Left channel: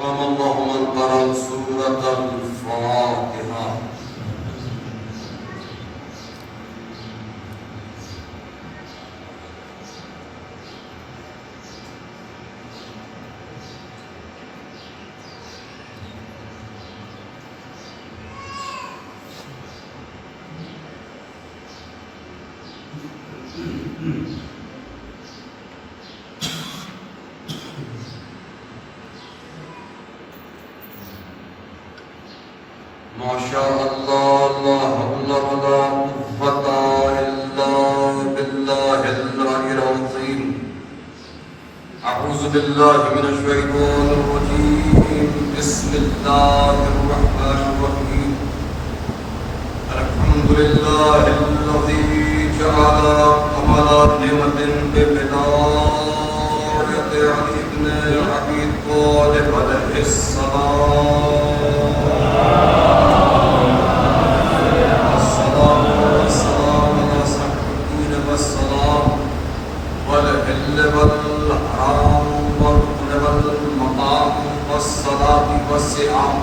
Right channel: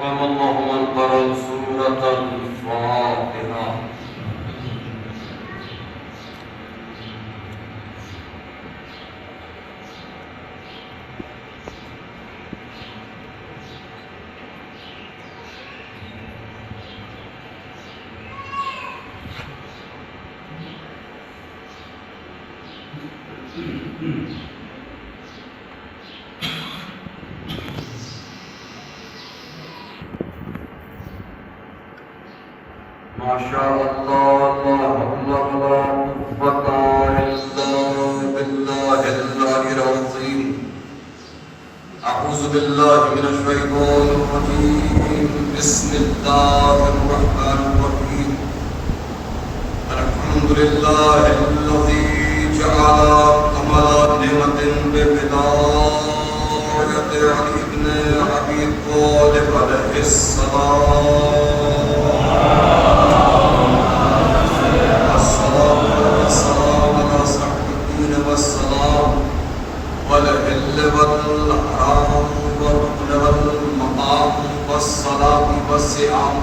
ومن قرأ سورة الفاتحة. ما شاء الله لا حول ولا قوة إلا بالله العلي العظيم. أعوذ بالله من الشيطان الرجيم. بسم الله الرحمن الرحيم. الحمد لله الذي جعل كمال نعمة ببداية علي بن أبي طالب عليه السلام. والحرام والركن والمقام والصلاة والصيام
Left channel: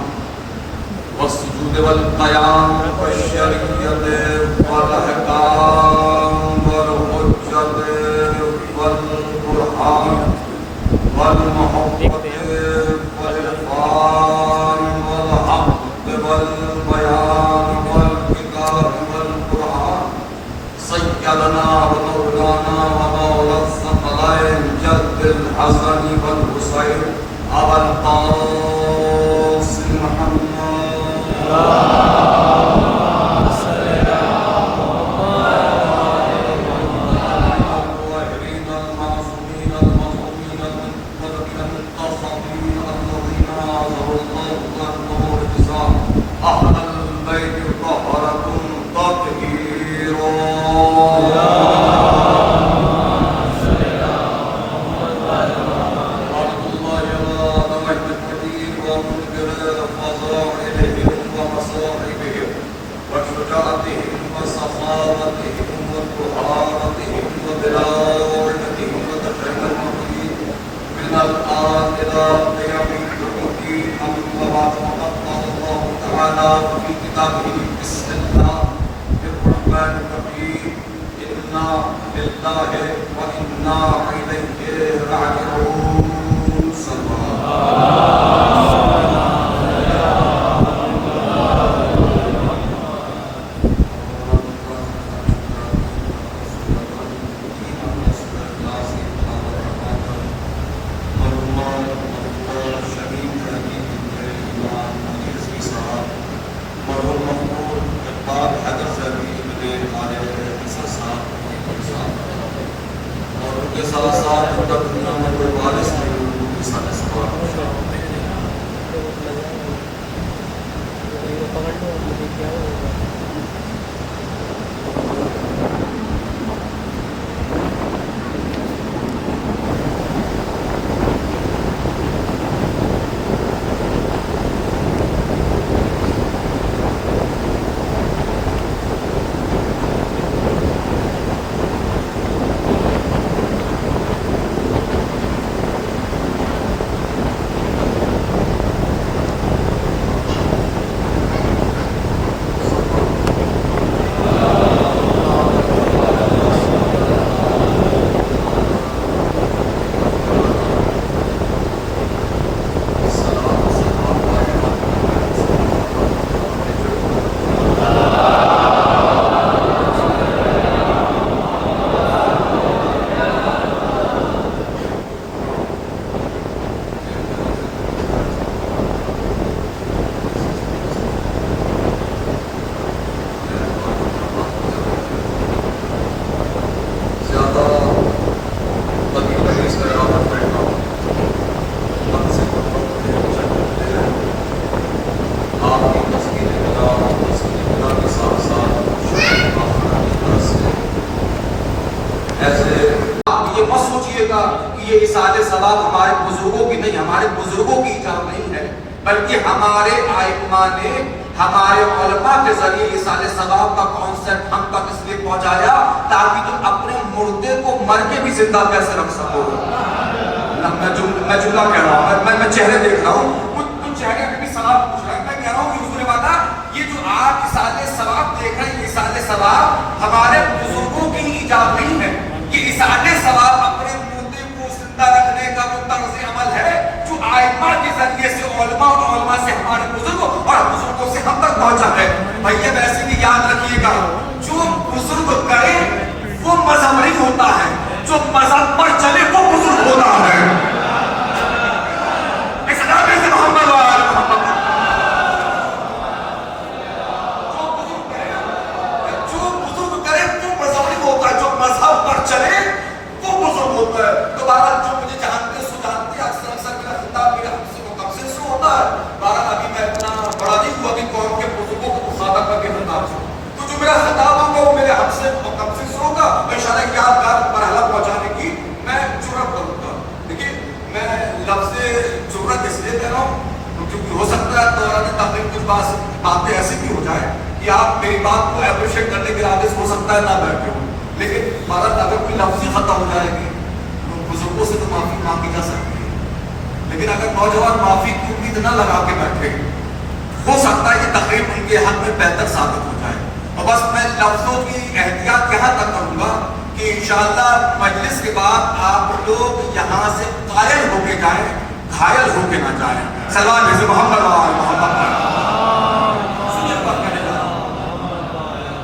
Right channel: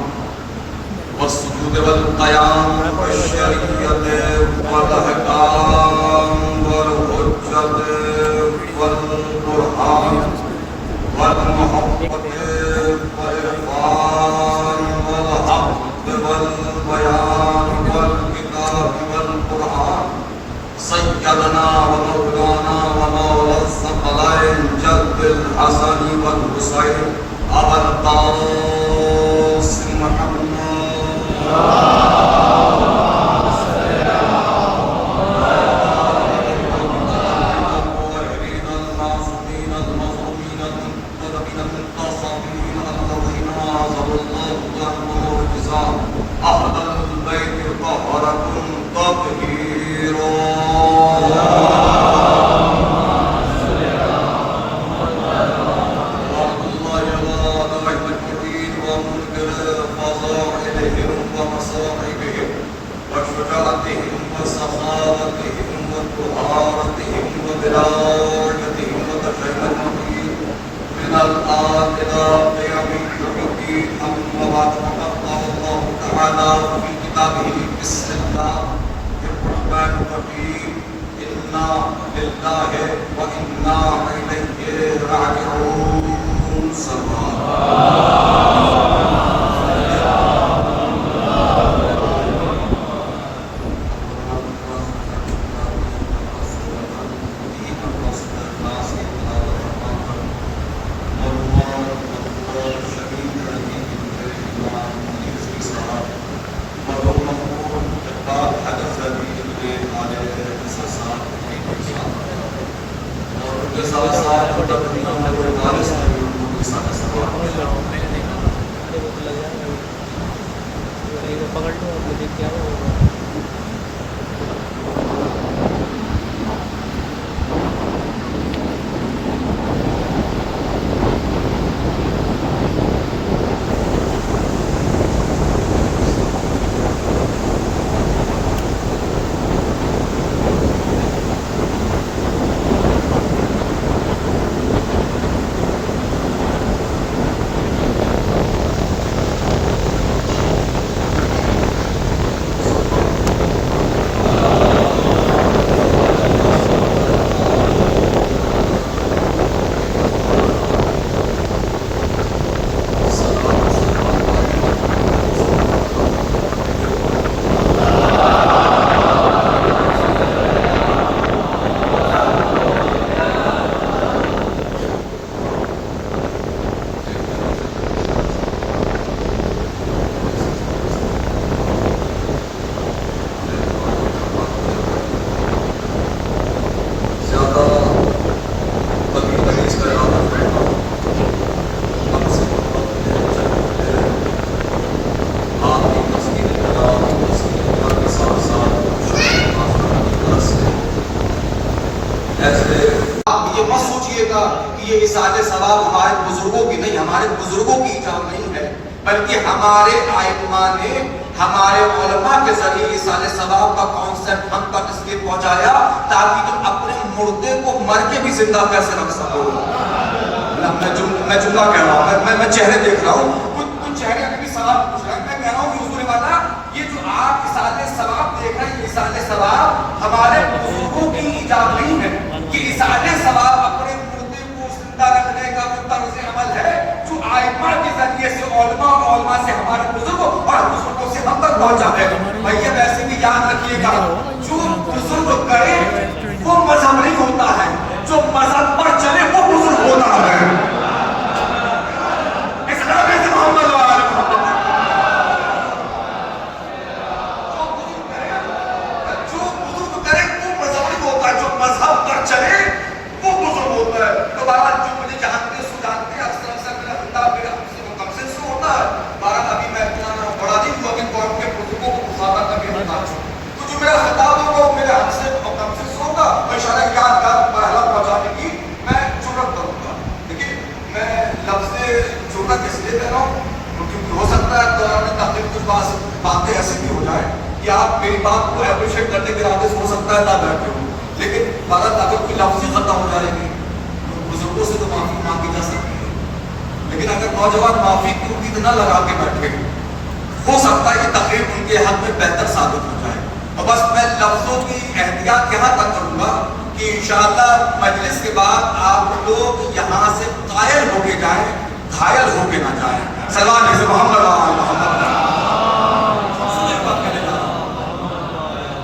والسجود والقيام والشريعة والأحكام والحجة والبرهان والمحبة والعرفان والحق والبيان والكتاب والقرآن. سيدنا ومولانا ومولى الثقلين جد الحسن والحسين أبا القاسم محمد. أهل البيت طهركم تطهيرا. وشجاعتهم وسخاوتهم وطهارتهم ودرايتهم وتشيعهم من الآن إلى قيام الدين. أما فقد قال الله تعالى في كتابه بسم الله الرحمن الرحيم. إنا لله وإنا إليه راجعون. یہ اصالِ ثواب ہمارے بزرگوں کی نہیں، ہمارے بزرگوں کی ایجاد نہیں ہے، بلکہ ہمارے ائمہ نے ہمارے علماء کے ذریعے اصالِ ثواب کا کانسیپٹ ہم تک اس لیے پہنچایا تاکہ تم اپنے مردے کو مر کے بھی زندہ کیسے رکھ سکو۔ میں جملہ کہہ رہا ہوں، میں چہرے دیکھ رہا ہوں، کچھ چہرے ابھی سوال پوچھ رہے ہیں. میں کہہ رہا ہوں کہ حضور والا یہ جو آپ اصالِ ثواب دیکھ رہے ہیں، یہ اصالِ ثواب ہمارے بزرگوں کی ایجاد نہیں ہے. یہ اصالِ ثواب اپنے مردے کو زندہ رکھنے کا وہ طرز عمل ہے جو آئمہ کے ذریعے سے علماء اور علماء سے ہمارے بزرگوں اور بزرگوں سے ہم تک پہنچا ہے. بھیا ویسے بھی یاد رکھیے گا، جو بزرگ کرے وہ مذہب نہیں ہوتا ہے، جو مذہب پر چلے وہ بزرگ ہوتا ہے. اسلام سے محمد وآل محمد. جو بزرگ کرے وہ مذہب نہیں ہوتا، جو مذہب پر چلے وہ بزرگ ہوتا ہے. تو بہرحال جو مجھے جانتے سو جانتے اکثر میرا خطاب میرے ہم سے مقابل سے ہوتا ہے. بہرحال ابھی میں اتنا بڑا نہیں ہوا کہ قوم کے بزرگوں کو مخاطب کر کے خطاب سے، تو جو میرا خطاب ہوگا وہ میرے ہم سے مقابل سے ہوگا. انشاءاللہ یادگار مرحلہ پہنچانے کی میں جرات کروں گا. دیکھیے میں لفظ جرات اس لیے کہہ رہا ہوں کیونکہ ہو سکتا ہے دوران تحریر کچھ باتیں ایسی بھی ہو جائیں کہ آپ میری بات کو اپریشیٹ کرنے کے عادت ہو سکتا ہے نہ بیٹھے ہوں، لیکن مگر اگر کوئی لفظ ہی ختم ہو جائے گی تو بزرگوں سے تو معافی مانگی جا سکتی ہے. لیکن اگر نوجوان معافی کو اتنا لگا کے بیٹھے ہو سکتا ہے یہ تقریر ان کے حق میں بہتر ثابت ہو جائے. اور بس میں لفظوں کی احتیاط یہاں تک کروں گا کہ انشاءاللہ مجلس کے بعد آپ لوگ یہاں سے قائل ہو کے جائیں، گھائل ہو کے نہ جائیں. سلام علیہ محمد وآل محمد.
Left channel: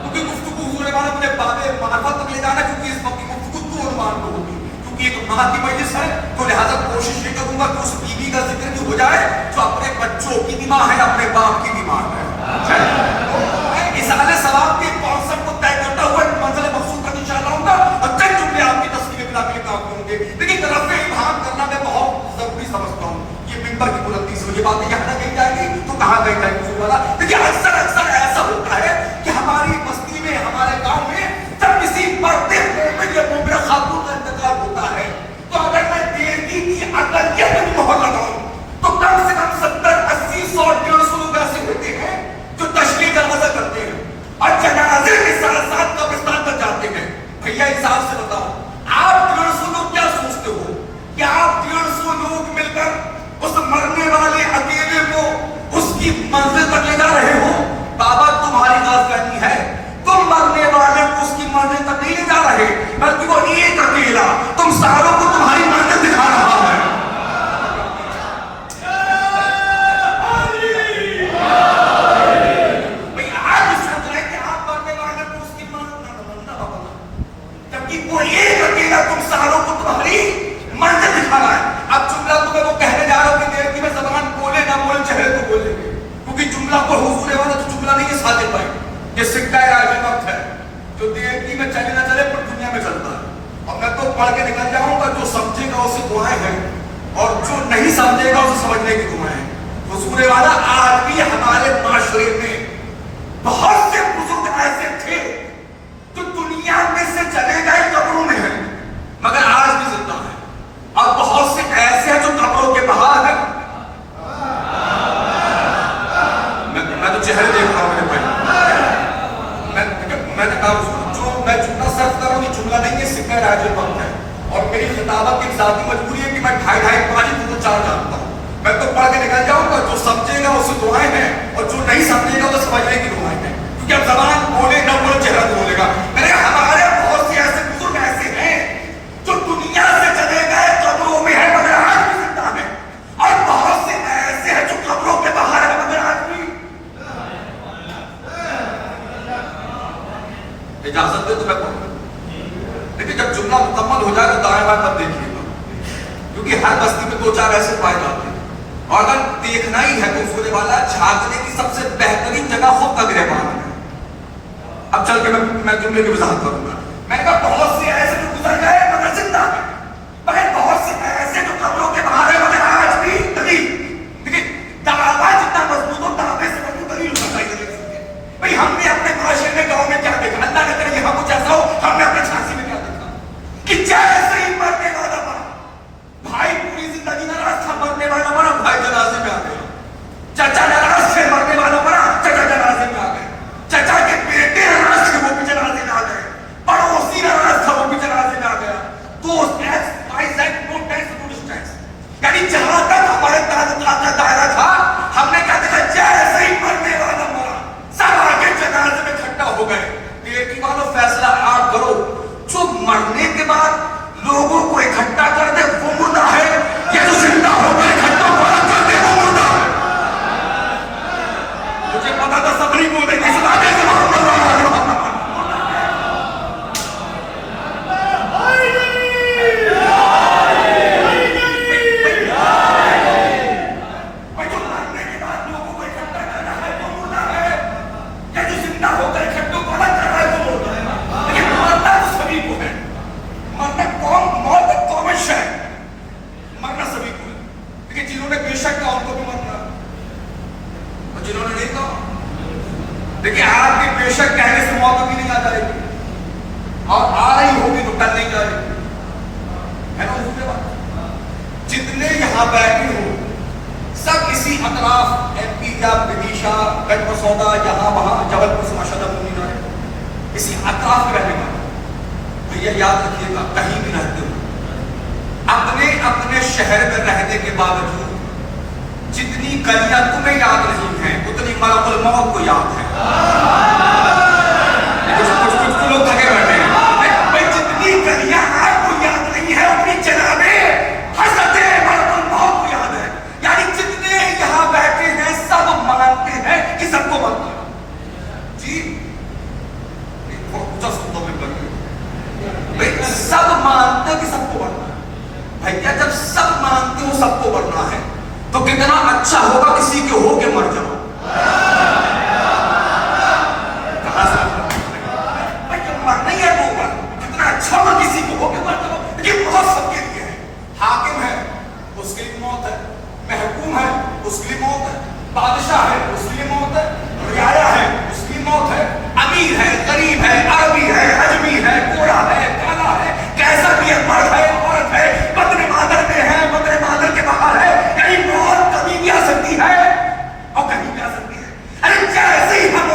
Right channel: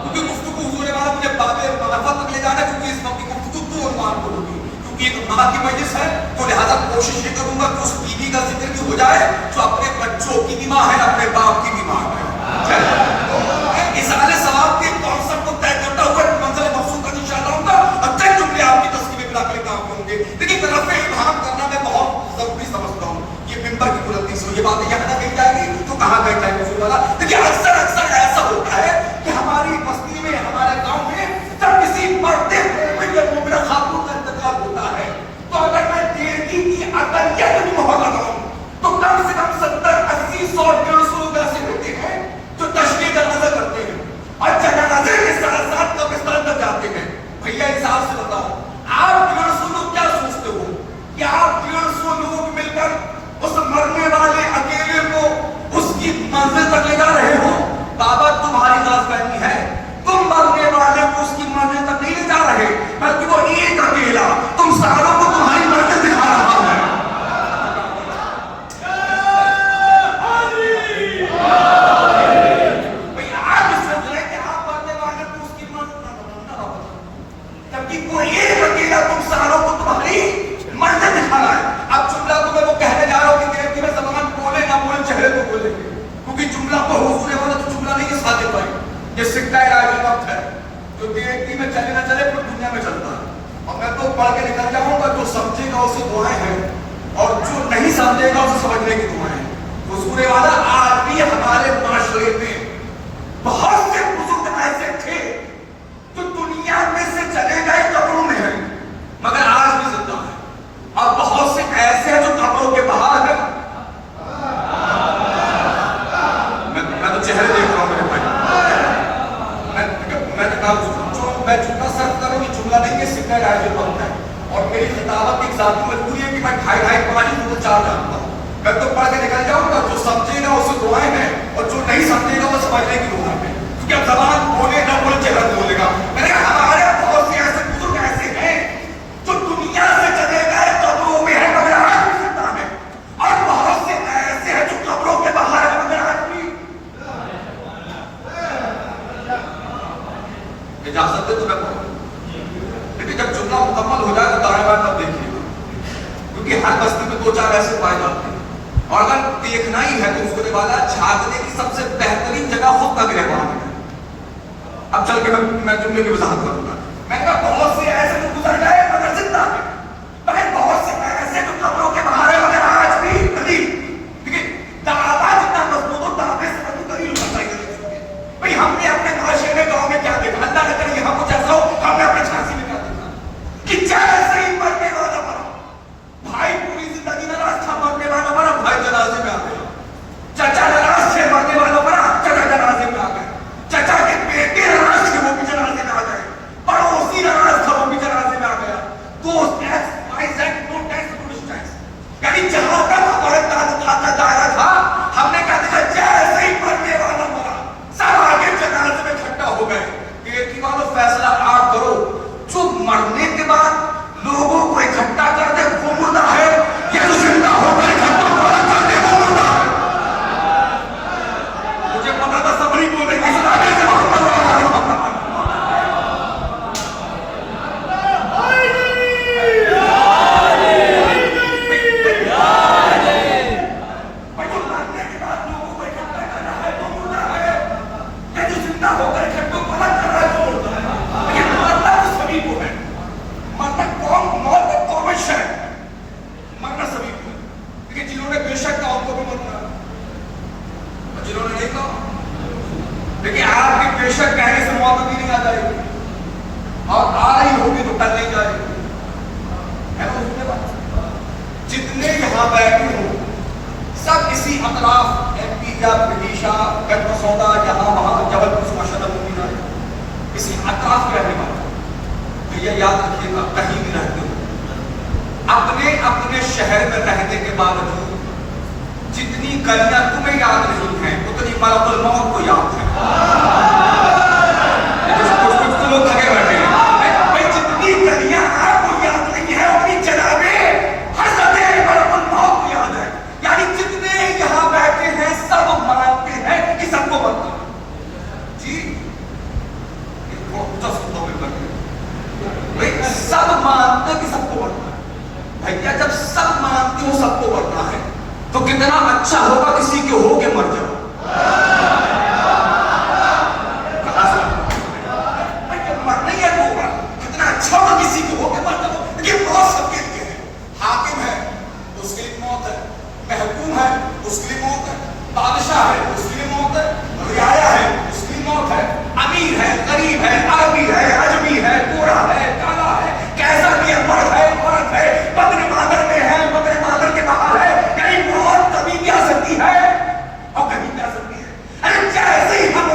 کیونکہ گفتگو ہونے والا مجھے باب معرفت تک لے جانا ہے، کیونکہ اس وقت کی گفتگو تو عنوان کو ہوگی کیونکہ ایک ماں کی مجلس ہے. تو لہٰذا کوشش یہ کروں گا کہ اس بیوی کا ذکر بھی ہو جائے جو اپنے بچوں کی بھی ماں ہے، اپنے باپ کی بھی ماں ہے. اصالِ ثواب کے کانسیپٹ کو طے کرتا ہوا منزل مقصود کا انشاءاللہ ہوگا اور چند جملے آپ کی تصویر بنا کے کام ہوں گے. لیکن طرف سے ابہام کرنا میں بہت ضروری سمجھتا ہوں. یہ ممبر کی بلندی سے یہ باتیں یہاں نہ کہی جائیں گی تو کہاں گئی جائیں گی والا. دیکھیے اکثر ایسا ہوتا ہے کہ ہماری بستی میں ہمارے گاؤں میں جب کسی پردے یا مومنہ خاتون کا انتقال ہوتا ہے تو اگر میں دیرگی کی اقلیت بھی محلہ لاؤں تو کم سے کم 70-80 100 150 لوگ ایسے ہوتے ہیں جو تشریح جنازہ کرتے ہیں اور جنازے کے ساتھ ساتھ قبرستان تک جاتے ہیں. بھیا حساب سے بتاؤ آپ 150 لوگ کیا سوچتے ہو کہ آپ 150 لوگ مل کر اس مرنے والے اکیلے کو اس کی منزل تک لے جا رہے ہو؟ بابا تمہاری غلط فہمی ہے، تم مرنے والے کو اس کی منزل تک نہیں لے جا رہے بلکہ وہ ایک اکیلا تم ساروں کو تمہاری منزل دکھا رہا ہے. وہ ایک اکیلا تم ساروں کو تمہاری منزل دکھا رہا ہے. اب جملہ تمہیں وہ کہنے جا رہا ہوں کہ دیکھ میں زبان بولے نہ بولے چہرے تو بولے گے کیونکہ جملہ تو حضور والا تو جملہ نہیں، یہ صادق ہے، یہ سکہ راج وقت ہے جو دیکھتی میں چلے نہ چلے پر دنیا میں چلتا ہے. اور میں تو پڑھ کے نکل جاؤں گا، جو سمجھے گا اسے دعائیں ہیں اور جو نہیں سمجھے گا اسے سمجھنے کی دعائیں ہیں. حضور والا آج بھی ہمارے معاشرے میں بہت سے بزرگ ایسے تھے جو دنیا میں سے چلے گئے قبروں میں ہیں مگر آج بھی زندہ ہے، اور بہت سے ایسے ہیں جو قبروں کے باہر ہیں. میں تو چہرے دیکھ رہا ہوں میرے بھائی. میں جملہ صرف کروں یہ جملہ نہیں، یہ سکہ راج وقت ہے اور میری خطابت کی ذاتی مجبوری ہے کہ میں 2.5 5 تو 4 جانتا ہوں. میں تو پڑھ کے نکل جاؤں گا، جو سمجھے گا اسے دعائیں ہیں اور جو نہیں سمجھے گا وہ سمجھنے کی دعائیں ہیں. کیونکہ اب زبان بولے نہ بولے چہرہ نہیں بولے گا. میرے ہمارے بہت سے ایسے بزرگ ایسے ہیں جو دنیا سے چلے گئے قبروں میں ہیں مگر آج بھی زندہ ہیں، اور بہت سے ایسے ہیں جو قبروں کے باہر ہیں مگر آج بھی. اجازت دے تو میں پڑھوں، لیکن جب جملہ مکمل ہو جائے تو دائیں بائیں تب دیکھیے گا کیونکہ ہر بستی میں 2-4 ایسے پائے جاتے ہیں. اور اگر دیکھنا ہی ہے تو سونے والا جھانکنے کی سب سے بہترین جگہ خود کا گریبان ہے. اب چل کے میں جملے کی وضاحت کروں گا. میں نے کہا بہت سے ایسے جو گزر گئے مگر زندہ ہیں، مگر بہت سے ایسے جو قبروں کے باہر ہیں مگر آج بھی دلیل. دیکھیے دعویٰ جتنا مضبوط ہو دعوے سے مضبوط دلیل ہونا چاہیے. بھائی ہم نے اپنے معاشرے میں گاؤں میں کیا دیکھا؟ اللہ نہ کرے یہاں کچھ ایسا ہو. ہم نے اپنے جھانسی میں کیا دیکھا کہ جیسے ہی مرنے والا مرا بھائی پوری زندگی ناراض تھا، مرنے والا مرا بھائی جنازے میں آ گیا. چچا ناراض تھے، مرنے والا مرا چچا جنازے میں آ گئے. چچا کے بیٹے ناراض تھے، وہ بھی جنازے میں آ گئے. پڑوسی ناراض تھا، وہ بھی جنازے میں آ گیا. دوست جنہوں نے بے شک کہا ان کو بھی مرنا ہے، اور جنہوں نے نہیں کہا دیکھیں آپ کے بے شک کہنے سے موت بھی نہیں آ جائے گی، اور آ رہی ہوگی تو ٹل نہیں جائے گی، ہے نا دوسرے بات۔ جتنے یہاں بیٹھے ہوں سب اسی اطراف ایم پی یا بدیشا گڑھ مسودہ جہاں وہاں جبل پور سے ماشاء اللہ مدینہ ہے، اسی اطراف میں رہنے والے بھیا یاد رکھیے گا کہیں بھی رہتے ہو اپنے اپنے شہر میں رہنے کے باوجود جتنی گلیاں تمہیں یاد نہیں ہیں اتنی ملک الموت کو یاد ہے۔ کچھ لوگ لگے بیٹھے ہیں بھائی جتنی گلیاں آپ کو یاد نہیں ہے اپنی جناب حضرت ملک الموت کو یاد ہے، یعنی جتنے یہاں بیٹھے ہیں سب مانتے ہیں کہ سب کو مرنا ہے۔ جی تھوڑا اونچا سنتا میں بیٹھے سب مانتے ہیں کہ سب کو مرنا ہے، بھیا جب سب مانتے ہو سب کو مرنا ہے تو کتنا اچھا ہوگا کسی کے ہو کے مر جاؤ۔ مرنا ہی ہے وہ کتنا اچھا ہوگا کسی کے ہو کے مر جاؤ، لیکن موت سب کے لیے ہے۔ حاکم ہے اس کے لیے موت ہے، محکوم ہے اس کے لیے موت ہے، بادشاہ ہے اس کے لیے موت ہے، رعایا ہے اس کی موت ہے، امیر ہے غریب ہے عربی ہے عجمی ہے گورا ہے کالا ہے کیسا بھی ہے، مرد ہے عورت ہے، بطن مادر میں ہے بطن مادر کے باہر ہے، یعنی موت کبھی بھی آ سکتی ہے اور کبھی بھی آ سکتی ہے۔ ارے جیسے ہی ہم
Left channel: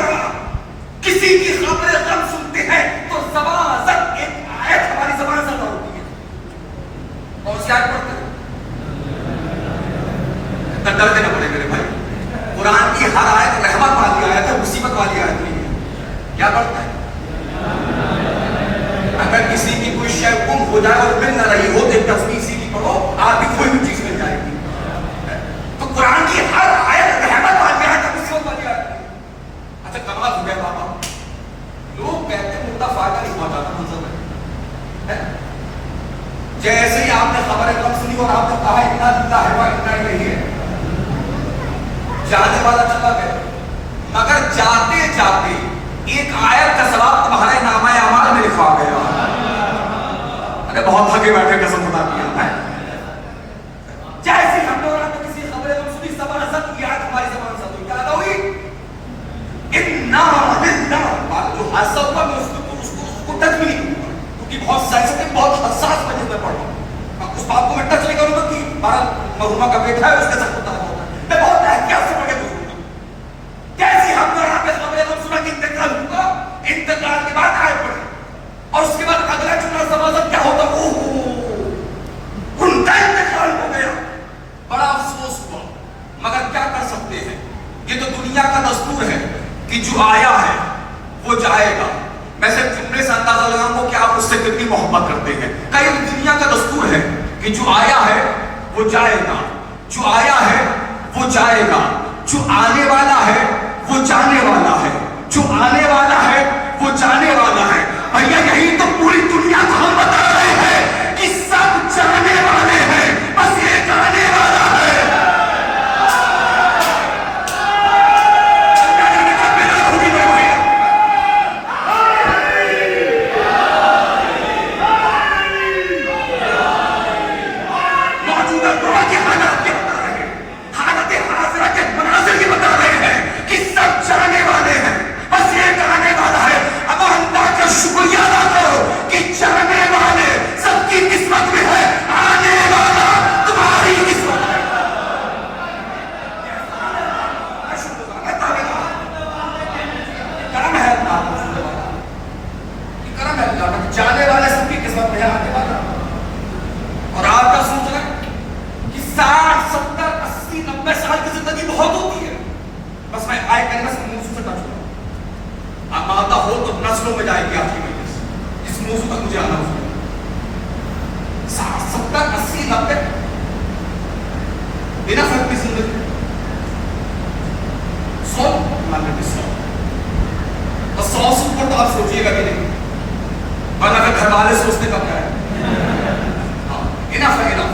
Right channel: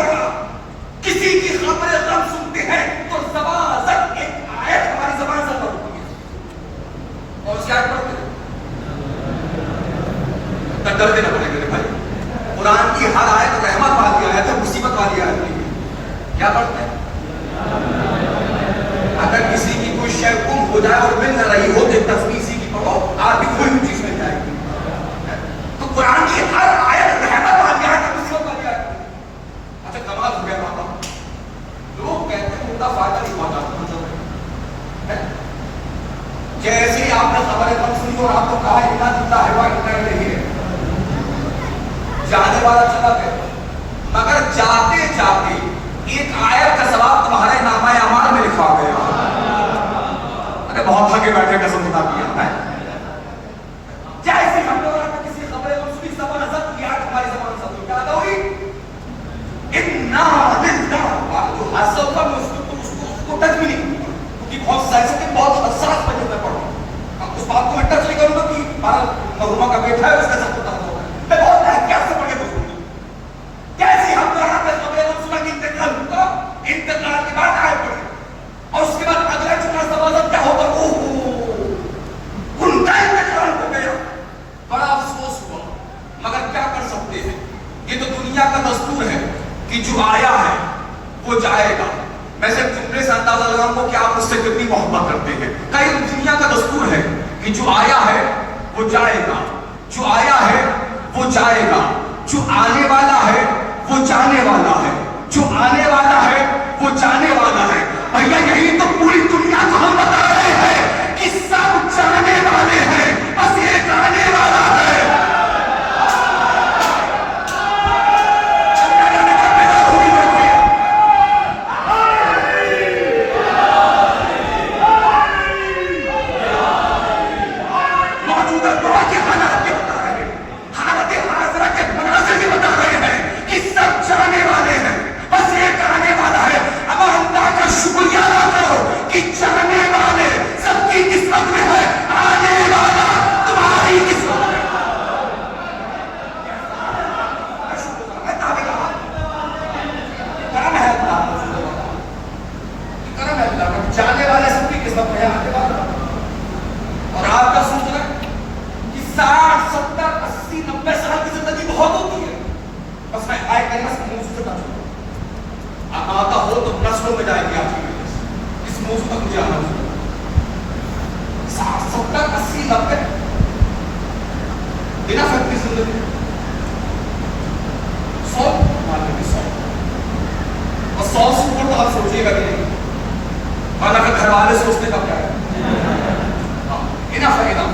کسی کی خبر غم سنتے ہیں تو زبان زد ایک آیت ہماری زبان سے ادا ہوتی ہے، اور کیا پڑھتے ہیں ڈرتے نہ پڑے میرے بھائی، قرآن کی ہر آیت رحمت والی آیت ہے، مصیبت والی آیت نہیں ہے۔ کیا پڑھتے ہیں اگر کسی کی کوئی شے گم ہو جائے اور مل نہ رہی ہو تو ایک تصویر سی کی پڑھو آپ کی کوئی بھی چیز مل جائے گی۔ تو قرآن کی ہر آیت رحمت والی آیت ہے، مصیبت والی آیت ہے۔ اچھا کمال ہو گیا بابا، لوگ کہتے ہیں مردہ فائدہ نہیں پہنچاتا، جیسے ہی آپ نے خبر غم سنی اور آپ نے کہا اتنا دلہ ہے وہ اتنا نہیں ہے، جانے والا چلا گیا، مگر جاتے جاتے ایک آیت کا ثواب تمہارے نامہ اعمال میں لکھا گیا۔ ارے بہت تھکے بیٹھے قسم خدا کی ہے، جیسے ہم لوگوں نے کسی خبر غم سنی زبان زد کی آیت ہماری زبان سے ہوئی، کیا ادا ہوئی؟ اِنَّا لِلَّهِ، جو حادثہ ہوگا میں اس کو ٹچ بھی نہیں کروں گا کیونکہ بہت سینسٹیو بہت حساس پر میں پڑھ رہا ہوں، اب اس بات کو میں ٹچ نہیں کروں گا کہ مرحومہ کا بیٹا ہے اس کے ساتھ ہوتا ہوگا، میں بہت احتیاط سے پڑھنے کو کروں گا۔ کیسے ہم لوگ آپ نے خبر غم سنا کہ انتقال ہوگا، انتقال کے بعد آئے پڑھے اور اس کے بعد اگلا جملہ زبان کیا ہوتا، ان کا انتقال ہو گیا، بڑا افسوس ہوا، مگر کیا کر سکتے ہیں، یہ تو دنیا کا دستور ہے کہ جو آیا ہے وہ جائے گا۔ میں صرف جملے سے اندازہ لگاؤں گا کہ آپ اس سے کتنی محبت کرتے ہیں۔ کئی دنیا کا دستور ہے کہ جو آیا ہے وہ جائے گا، جو آیا ہے وہ جائے گا، جو آنے والا ہے وہ جانے والا ہے، جو آنے والا ہے وہ جانے والا ہے۔ بھیا یہی تو پوری دنیا کو ہم بتا رہے ہیں کہ سب جانے والے ہیں، بس ایک آنے والا ہے۔ جانے والے سب کی قسمت میں ہے آنے والا، اور آپ کا سوچ رہے ہیں کہ 60 70 80 90 سال کی زندگی بہت ہوتی ہے، بس میں آئے کہیں اس موضوع سے ٹچ ہوں، آپ آتا ہو تو نسلوں میں جائے گی آپ کی، اس موضوع تک مجھے آنا ہوگا۔ 60 70 80 90 بنا فرق کی زندگی، 100 مان لیتے 100 اور 100 سے اوپر تو آپ سوچیے گا کہ نہیں، اور اگر گھر والے سوچتے کب جائے انف ہے انف،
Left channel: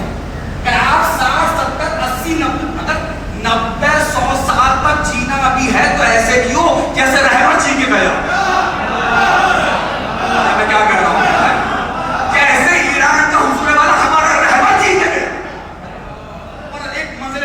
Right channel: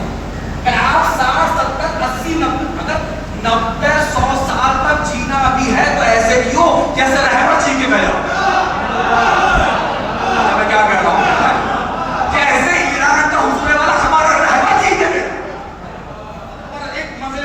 اگر آپ 60 70 80 90 اگر 90 100 سال تک جینا بھی ہے تو ایسے کیوں جیسے رہبر جی کے گیا، میں کیا کہہ رہا ہوں، جیسے ایران کا حصول والا ہمارا رہبر جی کے گیا، اور ایک منزل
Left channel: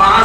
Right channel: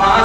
5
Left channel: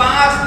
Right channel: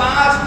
5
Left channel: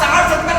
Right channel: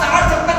60, 70,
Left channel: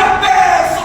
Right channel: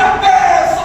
90, 100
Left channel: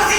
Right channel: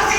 80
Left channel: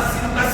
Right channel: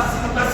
80, 90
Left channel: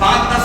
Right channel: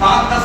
5-10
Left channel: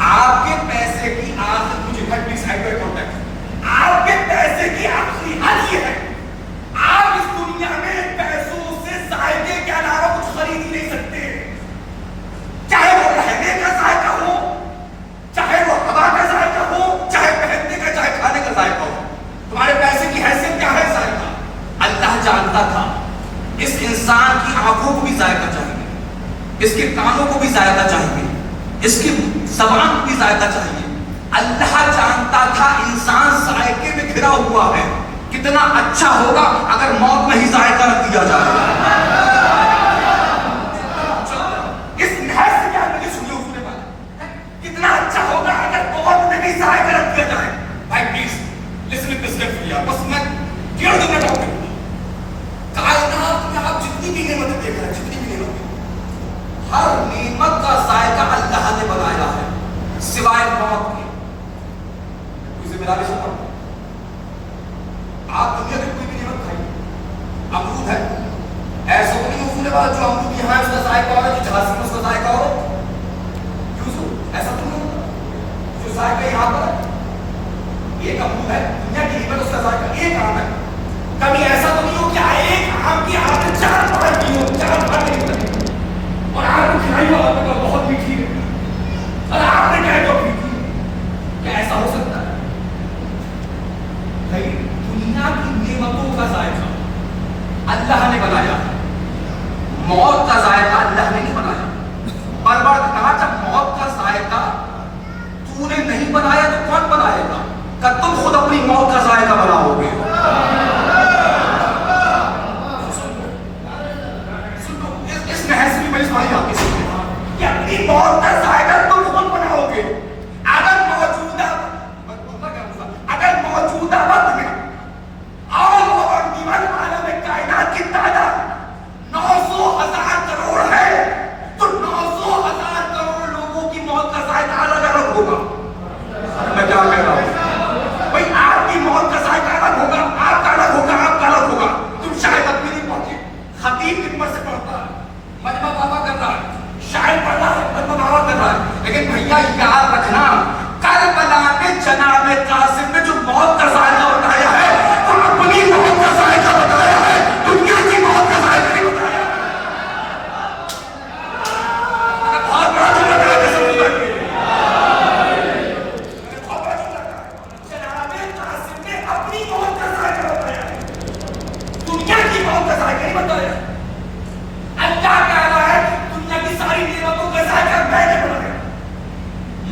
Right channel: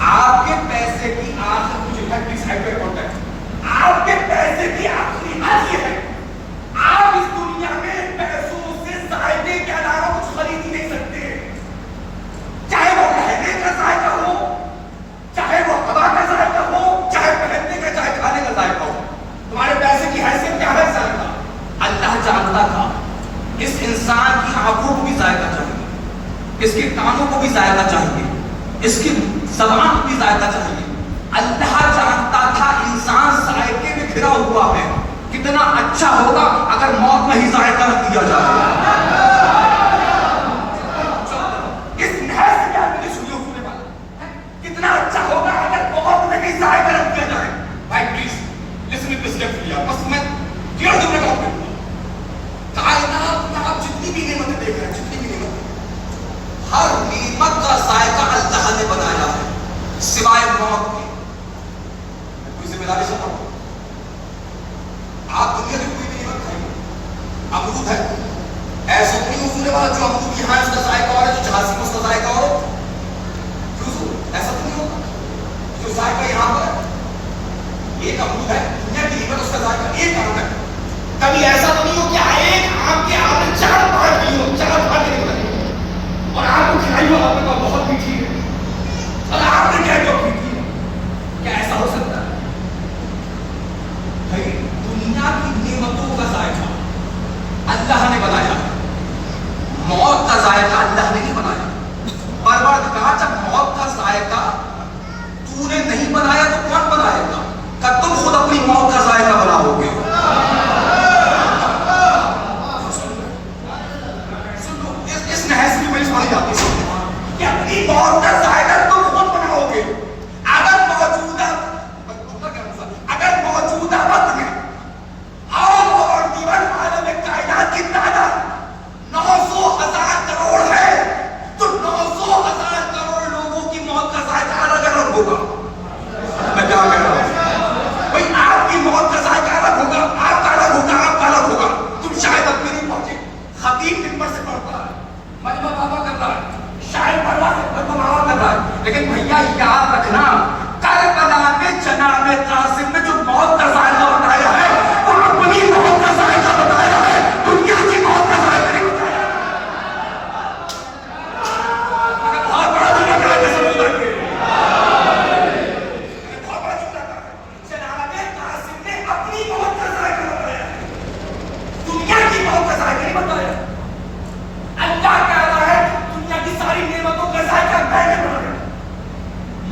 آپ کے پیسے کی آخر مجھے پلیز کانٹیکٹ، آپ کے پیسے کی آخری حد یہ ہے، آپ اس دنیا میں پیسوں سے ذائقے کے علاوہ کچھ خرید ہی نہیں سکتے، چاہے وہ رہنے کا ذائقہ ہو، چاہے وہ ہوا کا ذائقہ ہو، چاہے پہننے کا، چاہے کھانے کا ذائقہ ہو۔ تمہارے پیسے کی حیثیت کیا ہے؟ ذائقہ۔ اللہ جانتا تھا اس انسان کی آنکھوں کو بھی ذائقہ چاہیے، اس کے کانوں کو بھی ذائقہ چاہیے، اس کی زبان کو بھی ذائقہ چاہیے۔ اللہ جانتا تھا انسان ذائقے میں گھرا ہوا ہے، کتنا اچھا ہوگا اگر موت میں ہی ذائقہ نہ دیا جائے۔ اس لحاظ سے کیا مجھے سنی ہونے والا کتنا اچھا ہوگا اگر موت میں بھی ذائقہ نہ دیا جائے۔ بھائی please listen to this carefully, بس میں کیوں دوں میں ٹاپک کائنات میں آپ جتنی بھی نعمتیں دیکھ رہے ہیں، جتنی بھی نعمتیں، ہر نعمت کا ذائقہ اللہ نے بنایا ہے سوائے موت کے۔ کوئی ذمہ داری سے پڑھو، آپ دنیا کی کوئی بھی نعمت کھائیے، امرود ہے، ایسا تو نہیں ہونے والا جو امرود یہاں ہے اس کا ذائقہ اور ہے، جو جھانسی میں اس کا ذائقہ ہو، کیوں سو ایسا تو نہیں ہوتا، جو ذائقہ یہاں پر ہے ایک امرود ہے، دنیا کی نعمت اس کا ذائقہ ایک آم ہے۔ کبھی ایسا تو نہیں ہو کہ ایک آم کی آپ نے چار پانچ دی ہو، چار پانچ نہیں بنی اور آپ کو کھلائی ہو، آپ نے کہا بہت میٹھی ہے اور آپ نے کہا جو میٹھی ہے، کیا ایسا ہو سکتا ہے؟ بھائی دنیا کی نعمتوں کا ذائقہ اللہ نے بنایا ہے، موت کا ذائقہ اللہ نے نہیں بنایا۔ پروردگار جب موت کا ذائقہ تو نے نہیں بنایا تو کون بنائے گا؟ کہ تم خود اپنی موت کا ذائقہ بناؤ گے۔ اس نحس کی بڑی ساری آتی ہے کہ اپنی موت کا ذائقہ تم خود بناؤ گے۔ اگر موجودہ وقت میں اور دیوان عالم کائنات کی تعداد 900,000 کروڑ ہے تو 900,000 کروڑ لوگوں کی موت کا ذائقہ الگ الگ ہوگا۔ میں کیا کہہ رہا ہوں بھائی، آپ کی موت کا ذائقہ الگ ہوگا، آپ کا الگ ہوگا، آپ کا الگ ہوگا۔ تم شاید اپنی نہیں پہنچے، خطیب خدمت سے پڑھتا ہے، مجمع بابا کر رہا ہے، شاعر پڑھ رہا ہے، مجمع بابا کر رہا ہے، لیکن بھیا یاد رکھنا کربلا میں جناب قاسم نے جو موت کا ذائقہ بتایا ہے وہ اپنی موت کا ذائقہ بتایا ہے، دنیا کی موت کا ذائقہ نہیں بتایا۔ بہت بڑا جناب قاسم نے جناب قاسم نے اپنی موت کا ذائقہ بتایا ہے، دنیا کی موت کا ذائقہ نہیں بتایا۔ اللہ کہہ رہا ہے دنیا کی ساری نعمتوں کا ذائقہ میں نے بنایا،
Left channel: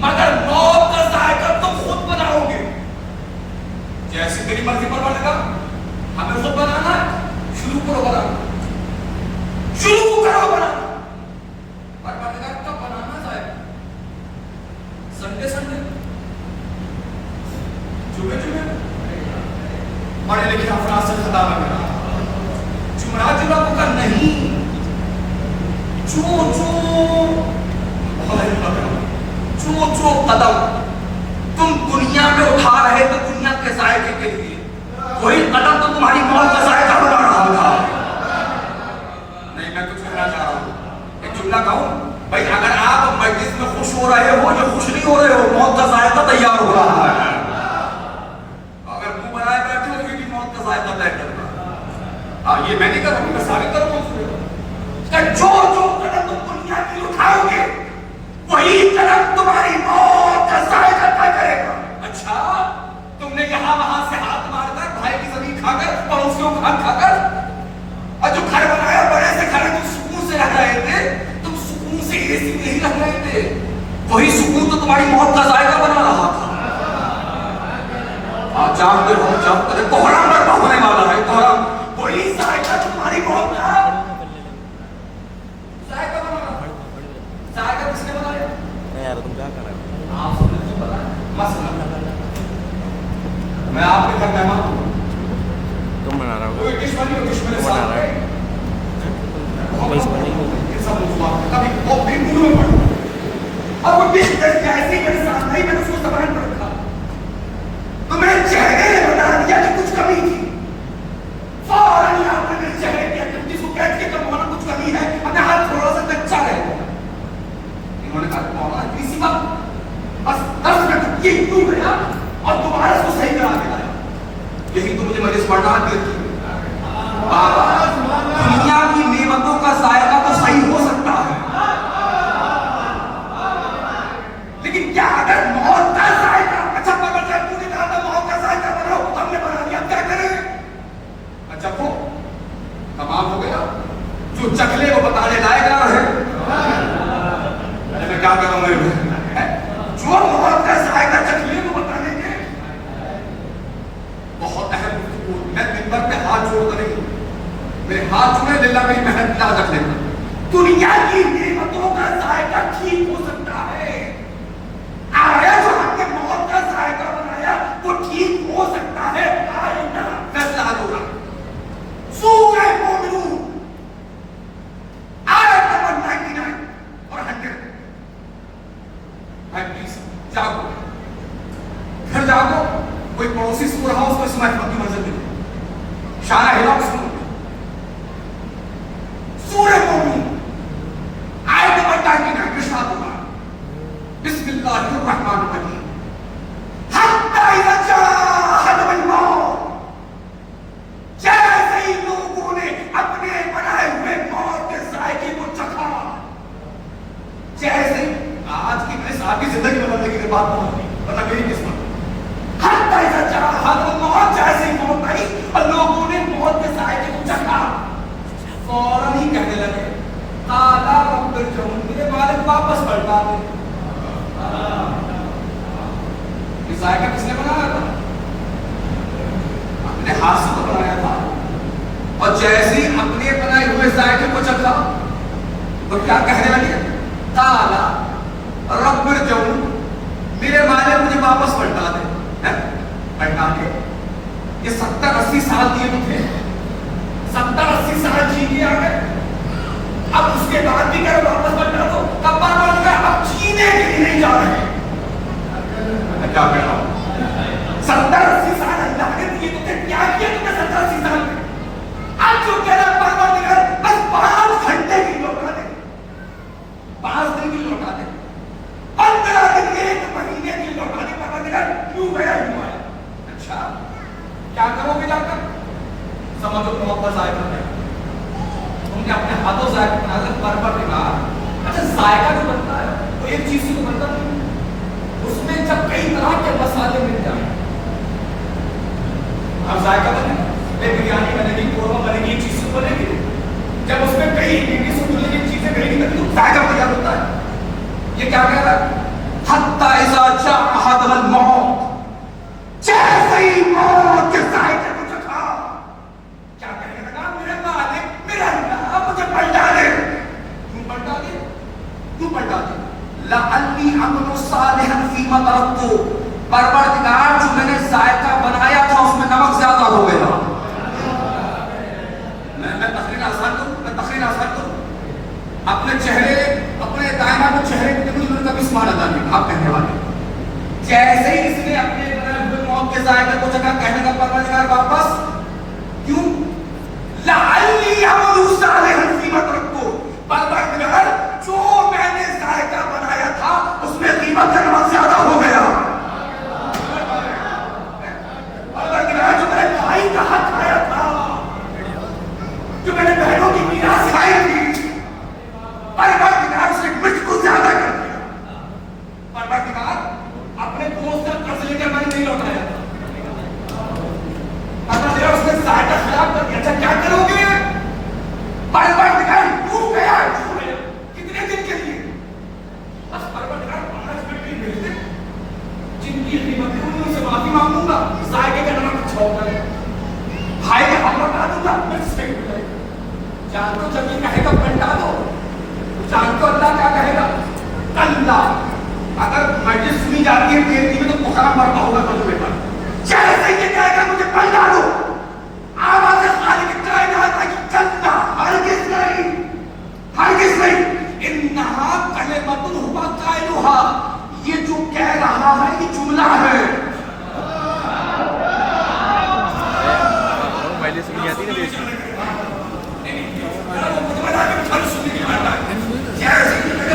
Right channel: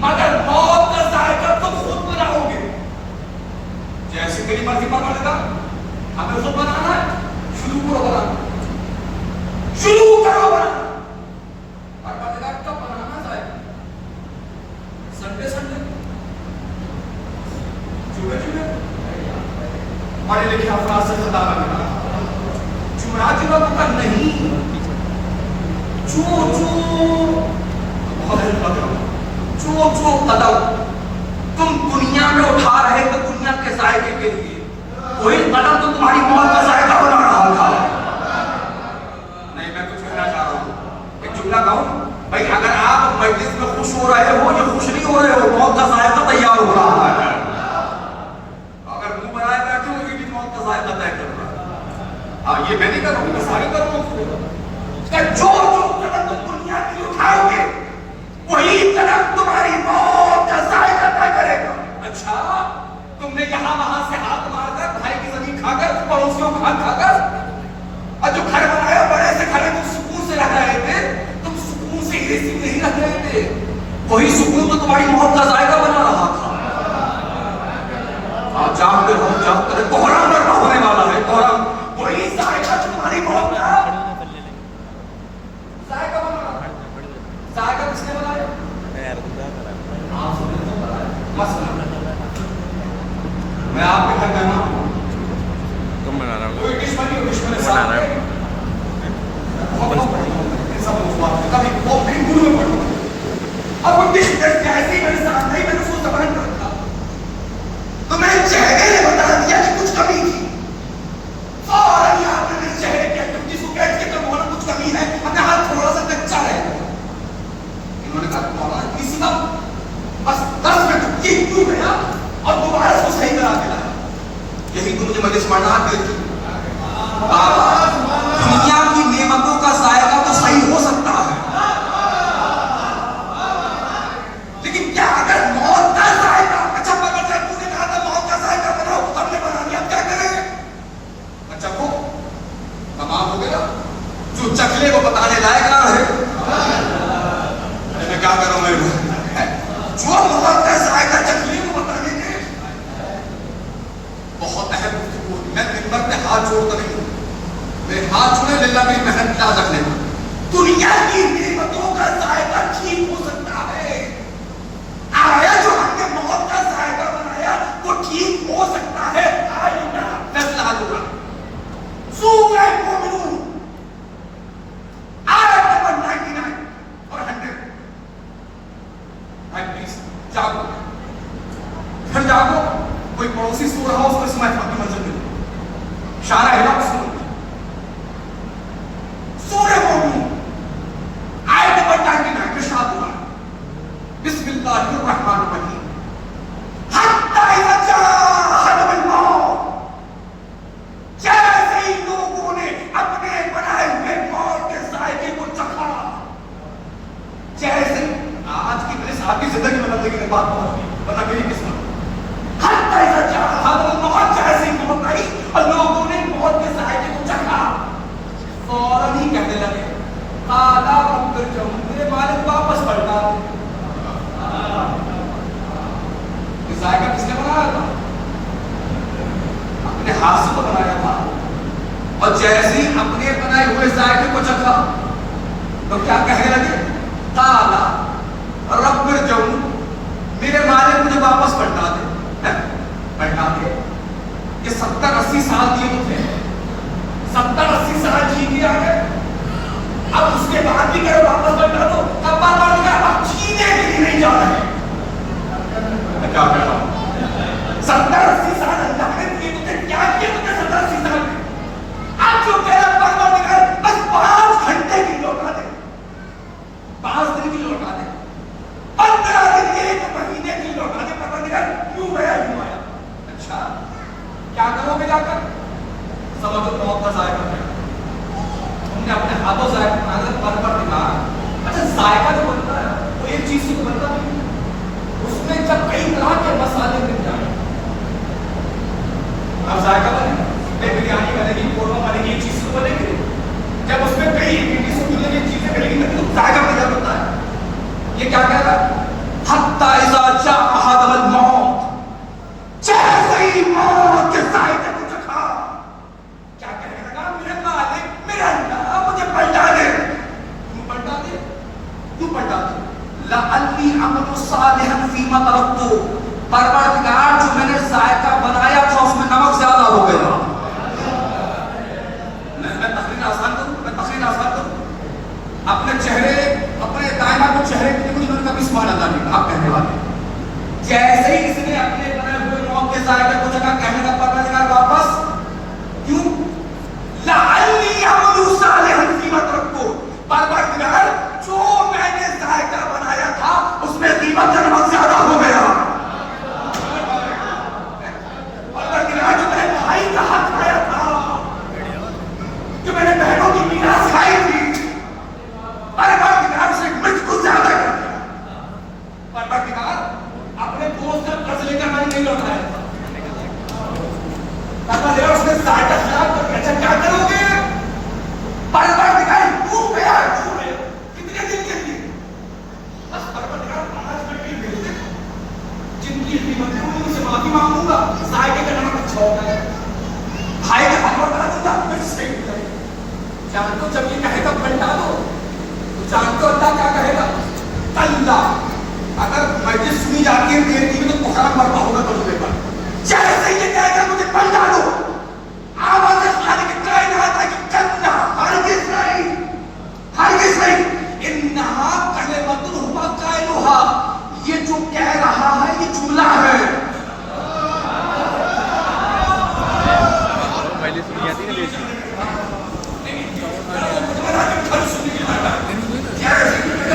مگر موت کا ذائقہ تم خود بناؤ گے۔ جیسے تیری مرضی پر بنے گا، ہمیں خود بنانا ہے، شروع کرو بنانا، شروع کرو بنانا۔ پر بنے گا کب بنانا ذائقہ؟ سنڈے سنڈے، جمعے جمعے، پڑھے لکھے افراد سے خطا نہ کرنا، جمعرات جمعہ کو کر نہیں، جو قدم تم دنیا میں اٹھا رہے تو دنیا کے ذائقے کے لیے، وہی قدم تو تمہاری موت کا ذائقہ بنا رہا تھا۔ نہیں، میں کچھ کہنا چاہ رہا ہوں، ایک جملہ کہوں بھائی، اگر آپ مجلس میں خوش ہو رہے ہو یا خوش نہیں ہو رہے ہو، موت کا ذائقہ تیار ہو رہا ہے۔ اگر منہ بنائے بیٹھے ہو کہ موت کا ذائقہ طے کر رہا ہے، یہ میں نہیں کروں گا، سارے کروں گا۔ جو قدم تم دنیا کی اٹھاؤ گے وہی قدم تمہاری موت کا ذائقہ طے کرے گا۔ اچھا، تم نے یہاں وہاں سے ہاتھ مار کر، بھائی کی زمین کھا کر، پڑوسیوں کا کھا کر، اور جو گھر بنایا بڑے سے گھر تم سکون سے رہ رہے تھے، تم سکون سے اے سی نہیں رہ رہے تھے، وہی سکون تو تمہاری موت کا ذائقہ بنا رہا تھا۔ آپ جانتے ہو کوہرام برپا ہونے والا ہے، کوہرام، وہی ذائقہ تمہاری موت کا ذائقہ بنا رہا ہے۔ ذائقہ کس نے بنایا؟ آپ سب نے بنایا۔ مثلا میں آپ کے گھر مہمان ہوں، تم بنا رہا ہو، کوئی ڈش بنی ہو، ڈش میرے بنا رہا ساتھ کبھی وہ بھی منہ میں پڑتا اور وہ ڈش ایسی میرے ساتھ نہیں، میں نے اس کو زبان پر رکھا تو میں چہرے نے بتا دیا کہ کچھ کمی تھی، فوراً آپ نے میرے چہرے کے تم جس کو کہتے کہ تمہارا کچھ کمی ہے، اپنا ہاتھ تھوڑا سا کچا رہے انہوں نے کہا مولا کسی وقت بس 10 منٹ یہ کیوں گیا اور دوبارہ اس کو صحیح کرا کے لایا. یہی تو مجھے مجلس پڑھنا ہے. بابا دنیا کی نعمتوں کا ذائقہ تو صحیح ہو سکتا ہے لیکن کیا اگر موت کا ذائقہ اچھا پکڑ جائے تو نے کہا تھا موت کا ذائقہ بناؤ ہم نے بنا لیا کیا کریں گے اچھا کو تمام ہو گیا جو چکلے وہ بتانے لائق نہ ہے میں کیا کروں میں جو موت کا ذائقہ چکلے کو بتانے کے بہت اہم گفتگو میں منبر پہ ہاتھ جوڑ کر نہیں ہوں میرے ہاتھ جوڑے للہ میری محنت یاد رکھنے پر دنیا کی نعمتوں کا ذائقہ ٹھیک ہو سکتا ہے آیا جو ہم نے موت کا ذائقہ بنایا وہ ٹھیک ہو سکتا ہے آئینہ فیصلہ حل ہوگا سورہ مومنون آیت نمبر 99 اور 100 بھائی پلیز جاگو پھر جاگو کوئی پڑوسی سو رہا اس کو اس محفل کی منزل ملے شارع ہلا سنو سورہ مومنون آیت نمبر 99 ارشاد ہوا بسم اللہ الرحمن الرحیم حتی اذا جاء احدهم الموت جیسے ہی لوگوں نے اپنے بنائے ہوئے موت کے ذائقے کو چکھا جیسے آج کی کلیس آپ کی زندگی میں بندگی کی بات پہنچ نہیں ورنہ میری قسمت حتی اذا جاء احدهم الموت جیسے ہی موت آئی اور لوگوں نے موت کے ذائقے کو چکھا فوراً ہی کہنے لگے قال رب ارجعون میرے مالک واپس پلٹا دے یہ ذائقہ کس نے بنایا تھا اپنے ہاتھ سے تو بنایا تھا اور جیسے ہی اپنے بنائے ہوئے ذائقے کو چکھا تو کیا کہنے لگے قال رب ارجعون میرے مالک مجھے واپس پلٹا دے پلٹا دے یہ 70-80 سال دیے تو تھے 70-80 سال جی گیا ہے اب اس کے بعد بھی کہے واپس پلٹا دو تب بات اب جینے کے لیے نہیں جا رہے میں کیا کہتا ہوں 70-80 سال اللہ نے دیے تو کیا کیا تم نے 70-80 سال میں اب جو کہہ رہا پروردگار بس 5 گھنٹے کی لوٹا دے 5 دن کی لوٹا دے 15 دن کے 1 مہینے کی لوٹا دے پروردگار کیوں گیا کیوں آیا اچھا کیا کرو گے جا کر سمجھو موت کا ذائقہ ہے تم نے اپنے ہاتھوں ذائقہ بنا کر نکالا اچھا ذائقہ جو بنتا ہے وہ ایک چیز سے تو بنتا نہیں اس میں جب کئی طرح کے مسالے مل جائیں اب ذائقہ بنے بریانی بنے گی قورمہ بنے گی ایک چیز سے بنے گی جب اس میں کئی انگریڈینٹس ملیں گی چیزیں ملیں گی تو ذائقہ بن جاتا ہے یہ کیا کہتا ہے حتی اذا جاء احدهم الموت جیسے ہی موت کے ذائقے کو چکھا کیا کہنے لگا میرے مالک میرا اللہ مجھے پلٹا دے کیوں پلٹا دے کیوں پلٹا دے لعلی عمل صالحا فیما ترکت پروردگار جو میں نے ذائقہ بنایا تھا اس میں نمک زیادہ ہو گیا میں تقریر آسان کروں اپنے چہرے اپنے دائیں بائیں چہرے کے لیے مجھے کبھی سبحان اللہ نہیں آپ کہنے والے جیسے ہی اس نے اپنے بنائے ہوئے موت کے ذائقے کو جگہ کہنے کا پروردگار واپس کیوں لعلی عمل صالحا فیما ترکت پروردگار جو میں نے ذائقہ بنایا تھا اس میں قیمت کا نمک زیادہ ہو گیا پروردگار جو میں نے بھائی کا حق کھایا تھا جو میں نے بہنوں کی میراث کھائی تھی پروردگار اس نے مرچ کو زیادہ کر دیا پروردگار اپنے دوست کا قرض لے کر میں نے نہیں لوٹایا تھا پروردگار اس نے ذائقہ خراب کر دیا اچھا کیا کرو گے پروردگار کیوں گیا کتنے دن کے لیے بس پروردگار 5 منٹ ہی بھیج دے جن کی قیمتیں ان سے معافی مانگوں گا ذائقے کا نمک اچھا ہوتا ہے بھائی کا ہم لوٹا دوں گا پھر صحیح ہو جائے جان تو جب یہ کہے گا پلٹا دو جان تو اللہ کیا کہے گا اللہ اگر مجلس سنی جاتی ہے دیرتی میں تو بخار مرتا ہوگا تو لے کر جیسے یہ کہے گا مجھے پلٹا دو آواز خالق کائنات کی کلمہ ہرگز نہیں انہا کلمۃ ہوا قائلھا یہ جو کہہ رہا ہے یہ جملہ ہے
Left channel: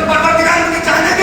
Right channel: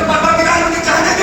پروردگار مجھے چاہنے دے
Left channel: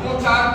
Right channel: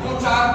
2-4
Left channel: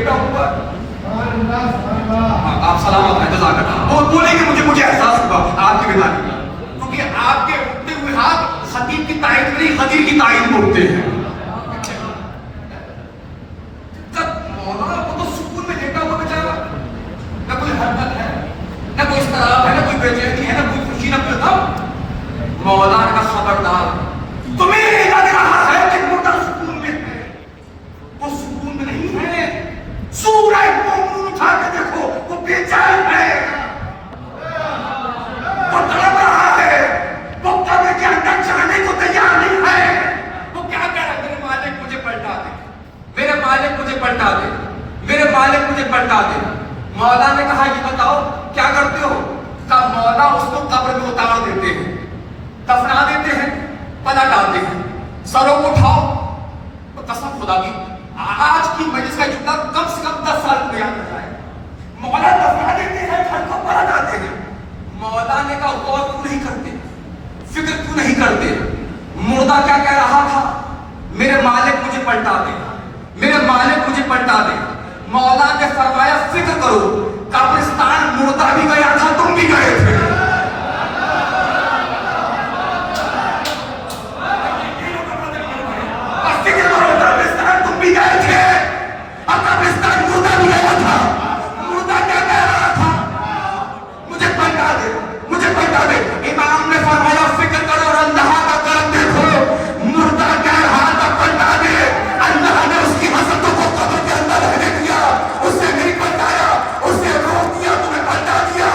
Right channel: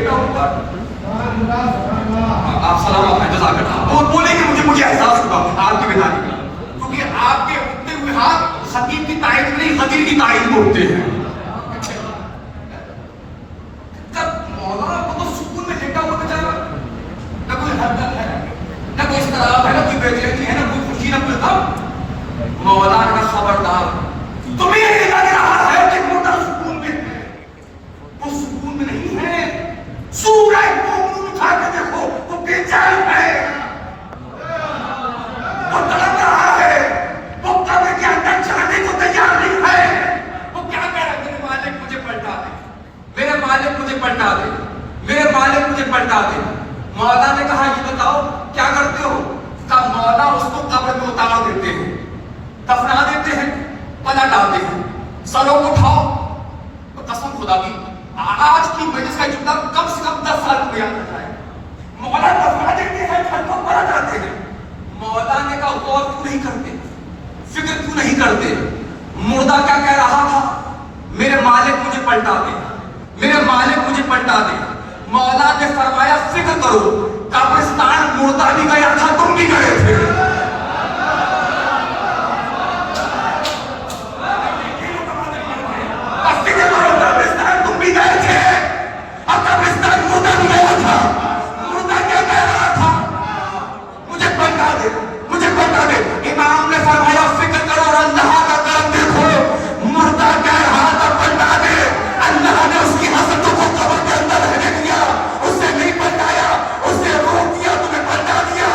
بیٹا ہوا. آپ سلامت ہیں, جزاک اللہ. وہ بولے کہ مجھے احساس ہوا آپ کی کتاب میں, کیونکہ آپ کے اٹھتے ہوئے ہاتھ خطیب کی تائید نہیں, غدیر کی تائید میں اٹھتے ہیں. جب مولانا کو تو سکون میں لیٹا ہوا بچایا, نہ کوئی حرکت ہے, نہ کوئی اضطراب ہے, نہ کوئی بے چینی ہے, نہ کوئی خوشی, نہ کوئی غم. مولانا کا خبردار, تمہیں یہ لگ رہا ہے کہ مولانا سکون میں ہے, وہ سکون میں نہیں ہے. سورہ مومنون اٹھا کے دیکھو, وہ بے چین ہے, وہ تڑپ رہا ہے, وہ قبر کے اندر جانے کو تیار نہیں ہے. وہ کیا کہہ رہا ہے, میرے مالک مجھے پلٹا دے, میرے مالک مجھے پلٹا دے, میرے مالک مجھے پلٹا دے. مولا نے کہا یہ بتاؤ کیا کرتے ہو؟ کہا مولا اس کو قبر میں اتارا دیتے ہیں, دفنا دیتے ہیں, پلٹ ڈالتے ہیں, سروں کو اٹھاؤ. تو قسم خدا کی آج کی مجلس کا جملہ کم سے کم 10 سال کو بیان کرتا ہے. مولا دفنا دیتے ہیں, گھر کو پلٹ ڈالتے ہیں. مولا نے کہا غور کیوں نہیں کرتے, فکر کیوں نہیں کرتے؟ مردہ کیا کہہ رہا تھا؟ میرے مالک مجھے پلٹا دے, میرے مالک مجھے پلٹا دے. مولا نے فرمایا فکر کرو, قبرستان مردہ بھی گیا تھا, تم بھی گئے تھے. فکر کرو, قبرستان تم بھی گئے تھے, اور قبرستان مردہ بھی گیا تھا. مردہ کیا کہہ رہا تھا؟ مجھے پلٹا دے, مجھے پلٹا دے. امام نے فرمایا فکر کرو اور اللہ کا کرم دیکھو. مردہ کہہ رہا تھا پلٹا دے, اللہ نے اس کی حسرتوں کو قبر کے اندر رہنے دیا, اسے نہیں پلٹایا, اسے روک دیا, تمہیں پلٹا دیا.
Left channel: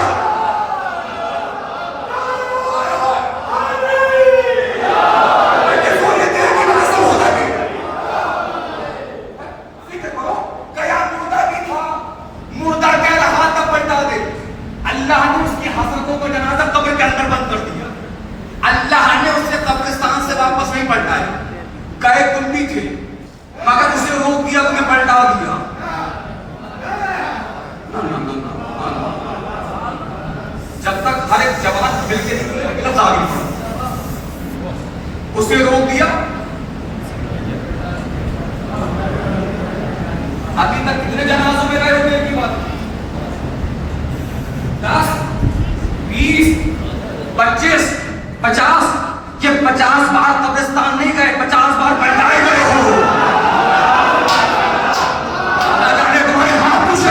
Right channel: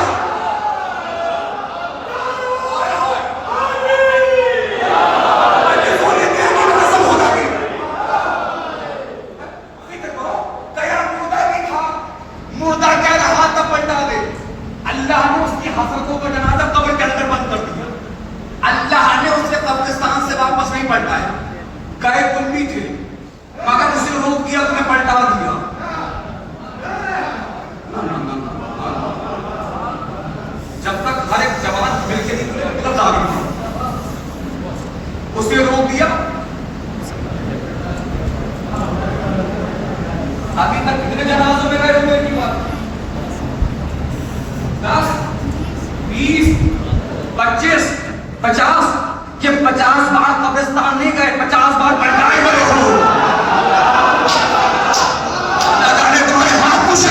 فکر کرو, گیا مردہ بھی تھا, مردہ کہہ رہا تھا پلٹا دے. اللہ نے اس کی حسرتوں کو جنازہ قبر کے اندر بند کر دیا. اللہ نے اسے قبرستان سے واپس نہیں پلٹایا. گئے تم بھی تھے, مگر اسے روک دیا, تمہیں پلٹا دیا. جب تک ہر ایک جوان دل سے لفظ آ گئی, اسے روک دیا. ابھی تک کتنے جنازوں میں گئے ہو میری بات؟ 10, 20, 25, 50. یہ 50 بار قبرستان نہیں گئے, 50 بار پلٹائے گئے ہو. نہ جانے تمہارے ہاتھ کچھ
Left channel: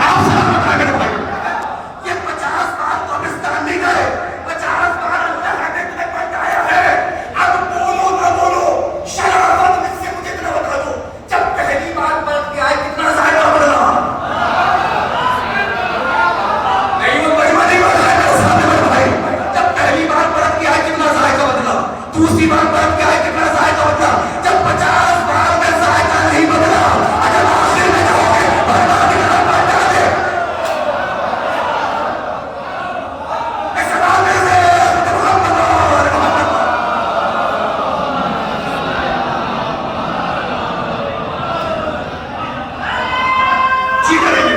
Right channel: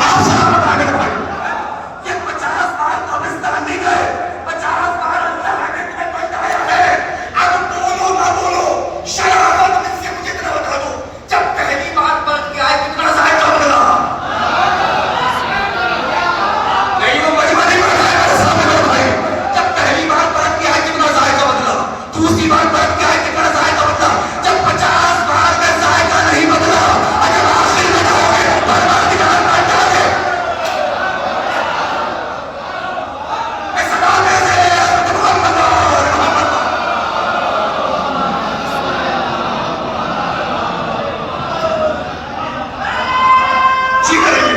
آپ سب بتانے بھائی, یہ 50 بار قبرستان نہیں گئے, 50 بار اللہ نے تمہیں پلٹایا ہے. اب بولو نہ بولو, شرافت میں سے مجھے اتنا بتا دو, جب پہلی بار پلٹ کے آئے کتنا ذائقہ بدلا؟ نہیں وہ مجمع نہیں بڑھا ہے میرے سامنے میرے بھائی. جب پہلی بار پلٹ کے آئے کتنا ذائقہ بدلا, دوسری بار پلٹ کے آئے کتنا ذائقہ بدلا. جب 50 بار میں ذائقہ نہیں بدلا, اگر آخر میں نہ ہوئے بربادی کا پلٹا دے. اس باتیں سے جی کریں گے.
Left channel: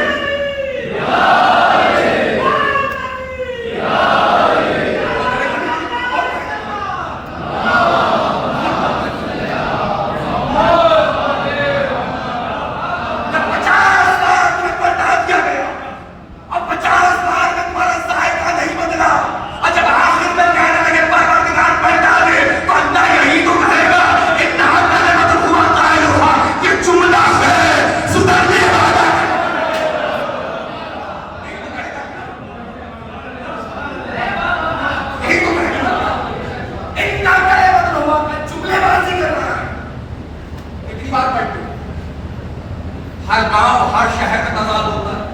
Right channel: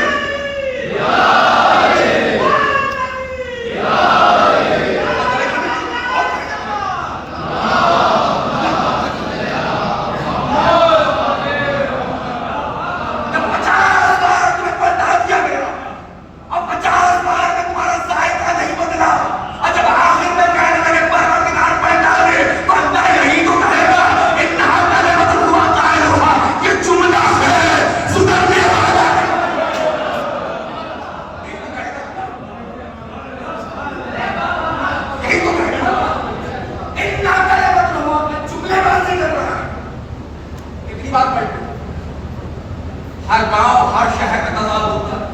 ہر گاؤں ہر شہر کا تضاد ہوتا ہے.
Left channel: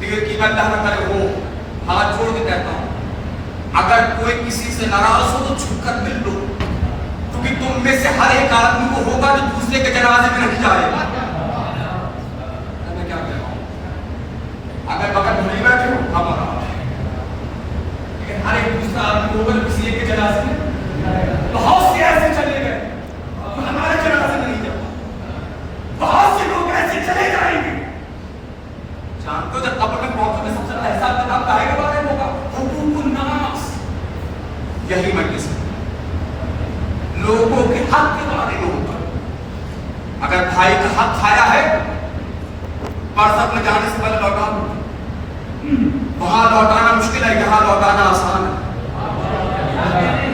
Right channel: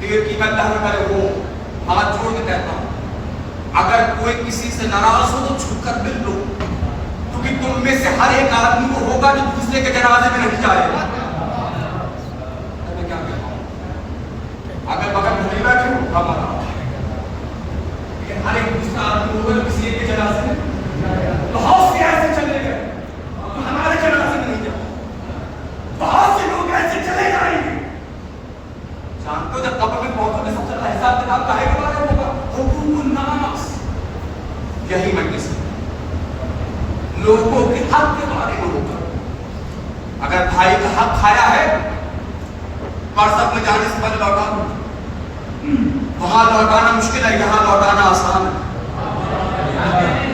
دیر کی میں اللہ نہ کرے وہ ہاتھ چھوڑ کے کہتا ہوں, اگر کوئی کسی سے ناراض ہو تو چھپ کر مل لو, کیونکہ تم میں سے ہر ایک آدمی کو ہوگا جو دوسرے کے جنازے میں نہیں جائے گا. میں کیا کہہ رہا ہوں, اگر بغل میں نہیں بیٹھے ہو ہم لیکن ہر ایک دوسرا آدمی ہوگا جو کسی ایک کے جنازے میں بہت سے ایسے چلے گئے تو ہمارے جنازے میں نہیں جائے. بہت سے لوگ ایسے چلے جائیں گے. جانتے ہو جب قبر میں پہنچو گے سب سے پہلا حساب کتاب کاہے کے بارے میں ہوگا؟ حقوق الناس. یہی مجلس ہے, لوگوں کے حق کے بارے میں ہوگا. اگر بھائی کا حق کھایا ہے؟ برزخ میں جانے سے پہلے لوٹانا، وہاں لوٹانا مشکل ہے، یہاں لوٹانا آسان ہے۔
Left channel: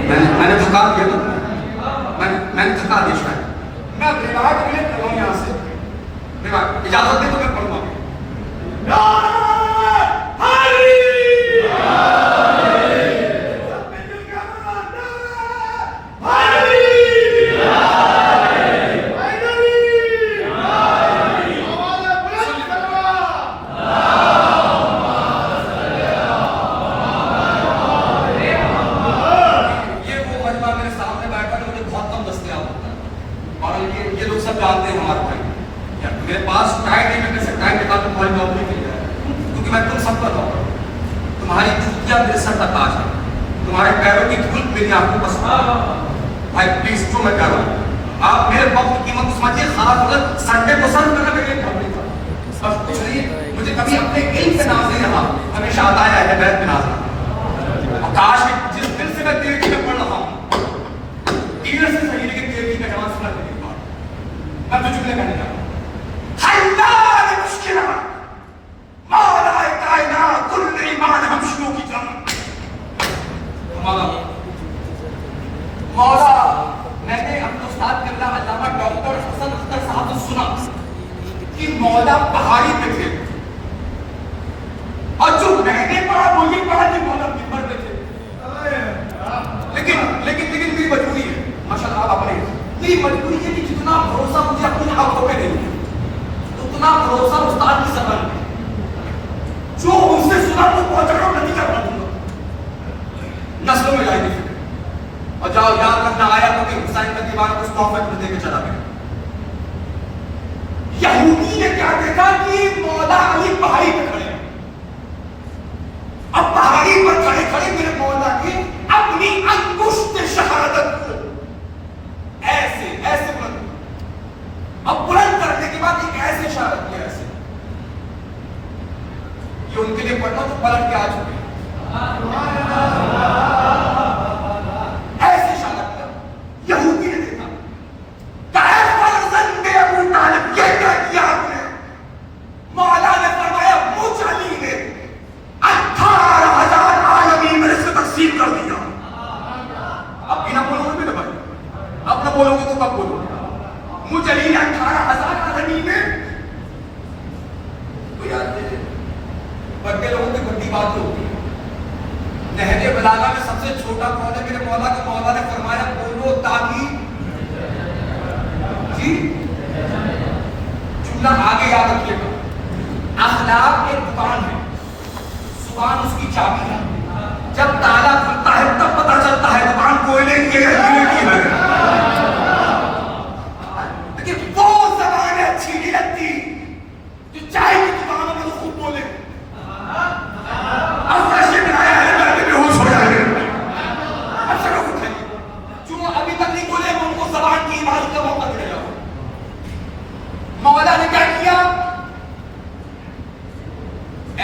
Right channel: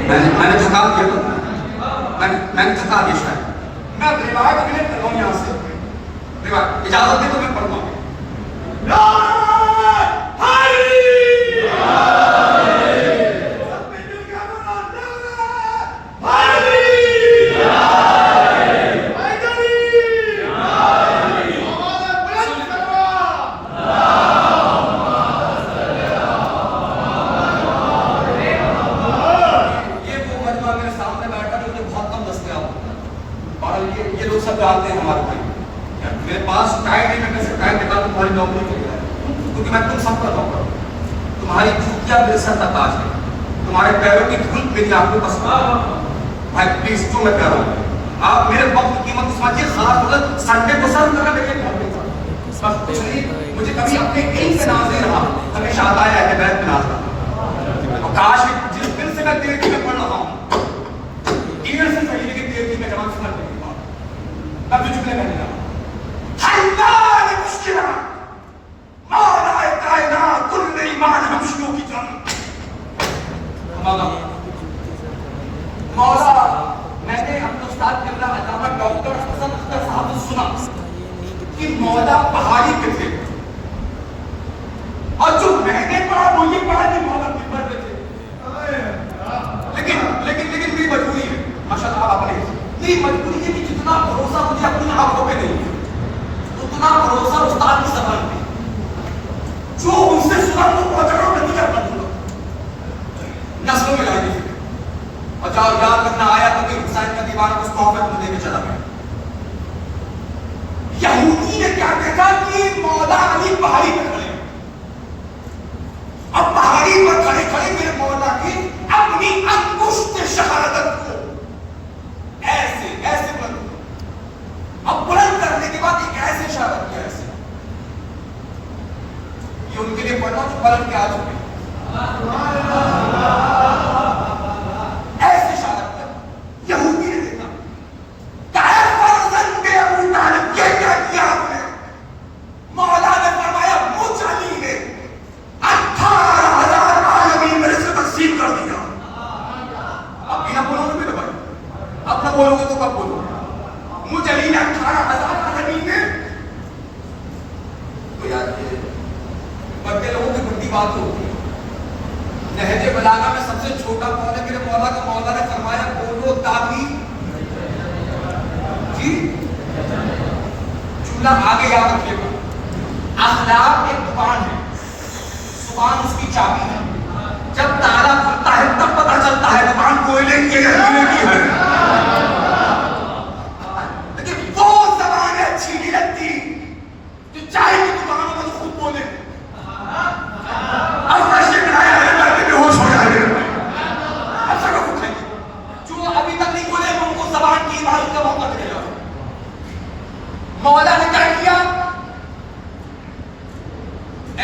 میں نے تھکا دیا، میں نے تھکا دیا شاید، میں روایت کے لیے کر رہا ہوں یہاں سے، اجازت دیں تو میں پڑھوں گا۔ یہ لوگ سب جانتے ہیں ہمارے بھائی، میرے پاس ٹائم نہیں، میں کیسے ٹائم نکالوں تمہاری نوکری کے لیے، کیونکہ میں تم سب کا نوکر ہوں، تمہاری جوتیاں میرے سر کا تاج ہے، تمہارے پیروں کی دھول میری آنکھوں کا سوال۔ بھائی پلیز جو میں کہہ رہا ہوں، آپ میرے وقت کی قیمت سمجھیے، خاص طور پر سنڈے کو سرو کرنا میرے لیے بہت نہیں، بس کچھ نہیں، مجھے کبھی اپنے علم سے ناز نہیں رہا، ہمیشہ آتا ہے اہل بیت میں ناز رہا، کاش کہ جس دل سے میں تیرکی میں پڑھ رہا ہوں، دیگر سے صحیح لیکن تیرکی کا جوان سمجھ نہیں پا، اب جو جملے کہنے لگا، حلال مشکلہ مولا کائنات کل ایمان ہمشیوں کی جان۔ مولا میں نے اپنے استاد قبلہ علامہ ڈاکٹر حسن اختر صاحب سے سنا کہ مولا پہاڑی پہ تھے، اور جو میں نے پڑھا وہ یہ پڑھا کہ مولا ممبر پہ تھے، لیکن میری مجبوری ہے، ماشاء اللہ آپ اپنے میری مجبوری ہے کہ جتنا بھروسہ مجھے اپنی آنکھوں پہ نہیں اتنا بھروسہ استاد کی زبان میں، جو ان سے سنا تو پہنچا کر نتیجہ بتا دوں گا، نسلوں میں لائی گی، اور جاؤ یاد رکھنا آیا تو کہ حسین کا دیوار اس تحفہ کو دے کے چلا گیا۔ یہودی نے کیا دیکھا کہ مولا علی پہاڑی پہ کھڑے، اب پہاڑی پر کھڑے کھڑے میرے مولا نے اپنی انگشت شہادت کو ایسے بلند، اب بلند کرنے کے بعد ایک ایسے شہادت کیا، ایسے یہ ان کے لیے پڑھنا تو بلند کے آ چکے، ایسے شہادت کیا یہودی نے دیکھا، ابو طالب یہ کیا کیا آپ نے؟ مولا نے فرمایا مجھ علی نے 18,000 عالمی میرے سے تقسیم کر دیا۔ اب بھی نہ بولو گے میرے بھائی، اب نہ بولو گے تو کب بولو گے؟ مجھ علی نے 18,000 عالمی نے، تو یار بڑے لوگوں کی بڑی بات ہوتی ہے، نہج بلاغہ میں سب سے چھوٹا کون ہے میرے مولا کا؟ مولا نے فرمایا بولو تاکہ جی جملہ آگے یاد رکھیے گا، اخلاق ایک دکان ہے، زبان اس کی چابی ہے، جب تالا کھلتا ہے تب پتہ چلتا ہے دکان کوئلے کی ہے، لیکن وہ زبان اچھی نہیں لگتی جو چائے کی دکانوں میں خود بولے، اب پیسے بنایا ہے گھر میں بے ہوش ہو جائے گا، اچھا کا کچھ ہے جو ابھی تک نہیں بولے ان کو زبان کی عبادت کا موقع ملے گا۔ مولا نے کیا کیا؟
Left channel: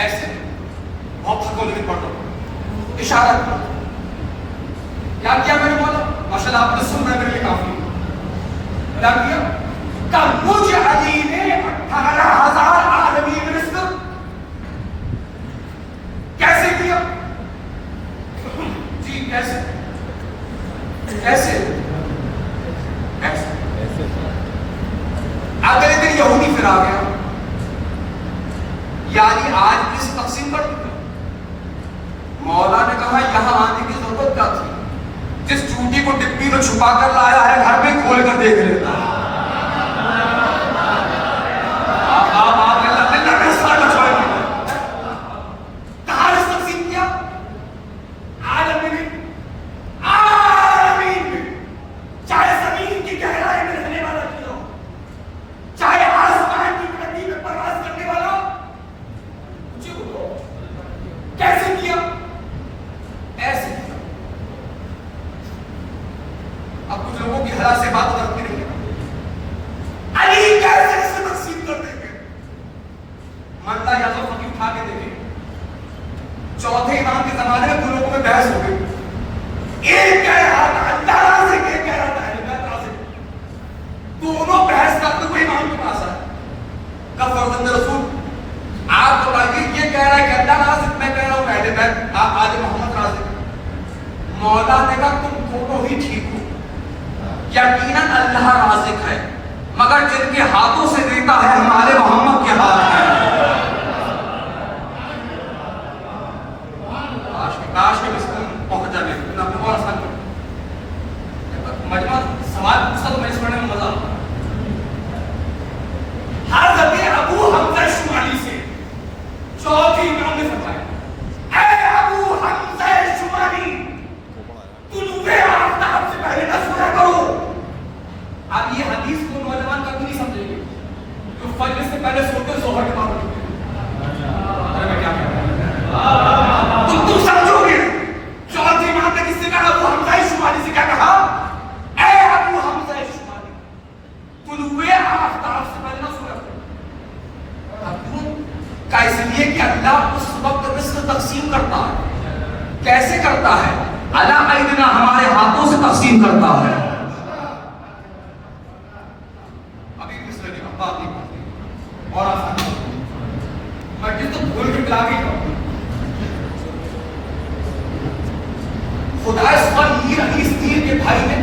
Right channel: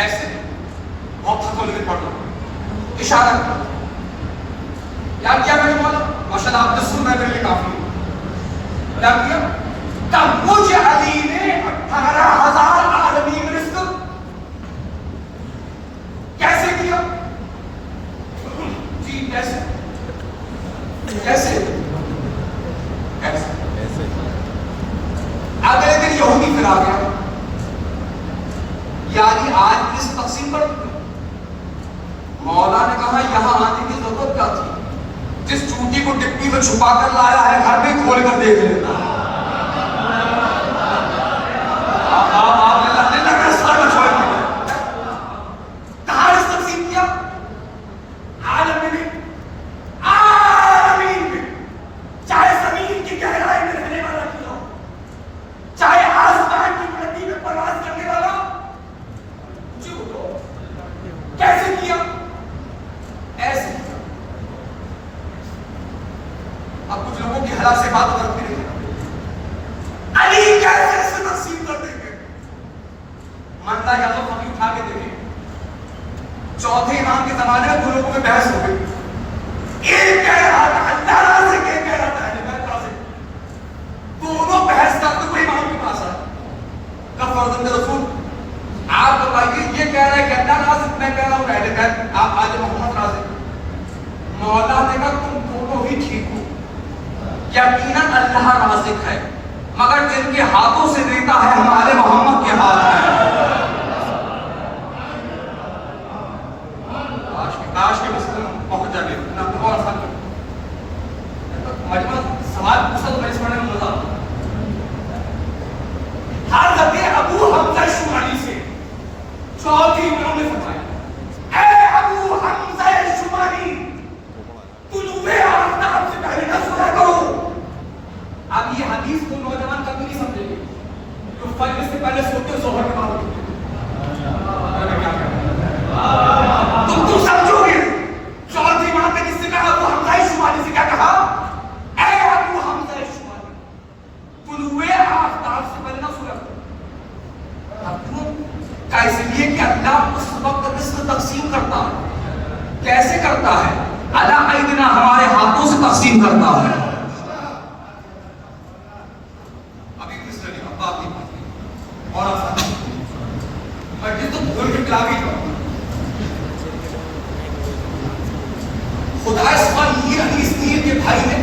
ایسے بہت تھکو لیکن پڑھ لو، اشارہ کیا کیا میرے مولا؟ ماشاء اللہ آپ نے سننا میرے لیے کافی، کیا کیا؟ کہ مجھ علی نے 18,000 عالمی رزق کیسے کیا؟ جی کیسے؟ اگلے دن یہودی پھر آ گیا، یعنی آج کس تقسیم پر؟ مولا نے کہا یہاں آنے کی ضرورت کیا تھی؟ جس چوٹی کو ڈپی کو چھپا کر لایا ہے گھر میں کھول کر دیکھ لیتا ہے۔ کہاں اس تقسیم کیا؟ عالمین میں، چاہے زمین کی گہرائی میں رہنے والا کیوں ہو، چاہے آسمان کی بلندی میں پرواز کرنے والا جو ہو، کیسے کیا؟ ایسے کیا۔ اب کچھ لوگوں کی حالات سے بات کرتے نہیں، علی کیسے اسے تقسیم کر دیں گے؟ مانتا یا تو کبھی اٹھا کے دیکھیں، چوتھے امام کے زمانے میں دو لوگوں میں بحث ہو گئی، ایک کہہ رہا تھا اللہ راضی، ایک کہہ رہا تھا دونوں بحث کرتے ہوئے امام کے پاس آئے، فرزند رسول. آپ بتائیے یہ کہہ رہا ہے کہ اللہ رازق, میں کہہ رہا ہوں اہل بیت, آپ آل محمد رازق. مولا نے کہا تم دونوں ہی ٹھیک ہو, یقیناً اللہ رازق ہے, مگر جن کے ہاتھوں سے دیتا ہے ہمارے محمد کے ہاتھ میں. کاش کے بس پہنچ جانے اور آسان کر مجمع سوال پوچھا تو میں اس پڑھنے میں مزہ آتا. حضرت ابو حمزہ شمالی سے چوتھی امام نے فرمایا, اے ابو حمزہ شمالی طلوع آفتاب سے پہلے نہ سویا کرو. اب یہ حدیث کو نوجوان کبھی نہیں سمجھیں گے جو فجر سے پہلے سوتے ظہر کے بعد اٹھتے ہیں. میں کیا کہہ رہا ہوں تم سمجھو گے. چوتھی امام نے کس سے کہا؟ ابو حمزہ شمالی سے کیا کہا؟ اے ابو حمزہ شمالی طلوع آفتاب سے پہلے نہ سویا کرو. اب کیوں؟ کا اس لیے کہ اللہ اس وقت رزق تقسیم کرتا ہے. کیسے کرتا ہے؟ اللہ ایدنا ہمارے ہاتھوں سے تقسیم کرتا ہے. ابھی بھی اس طرح کی بات نہیں اور آسان میں جس تو بھول کے پلا بھی کروں. خدا اس پر میر حدیث تیر کے بھائی نے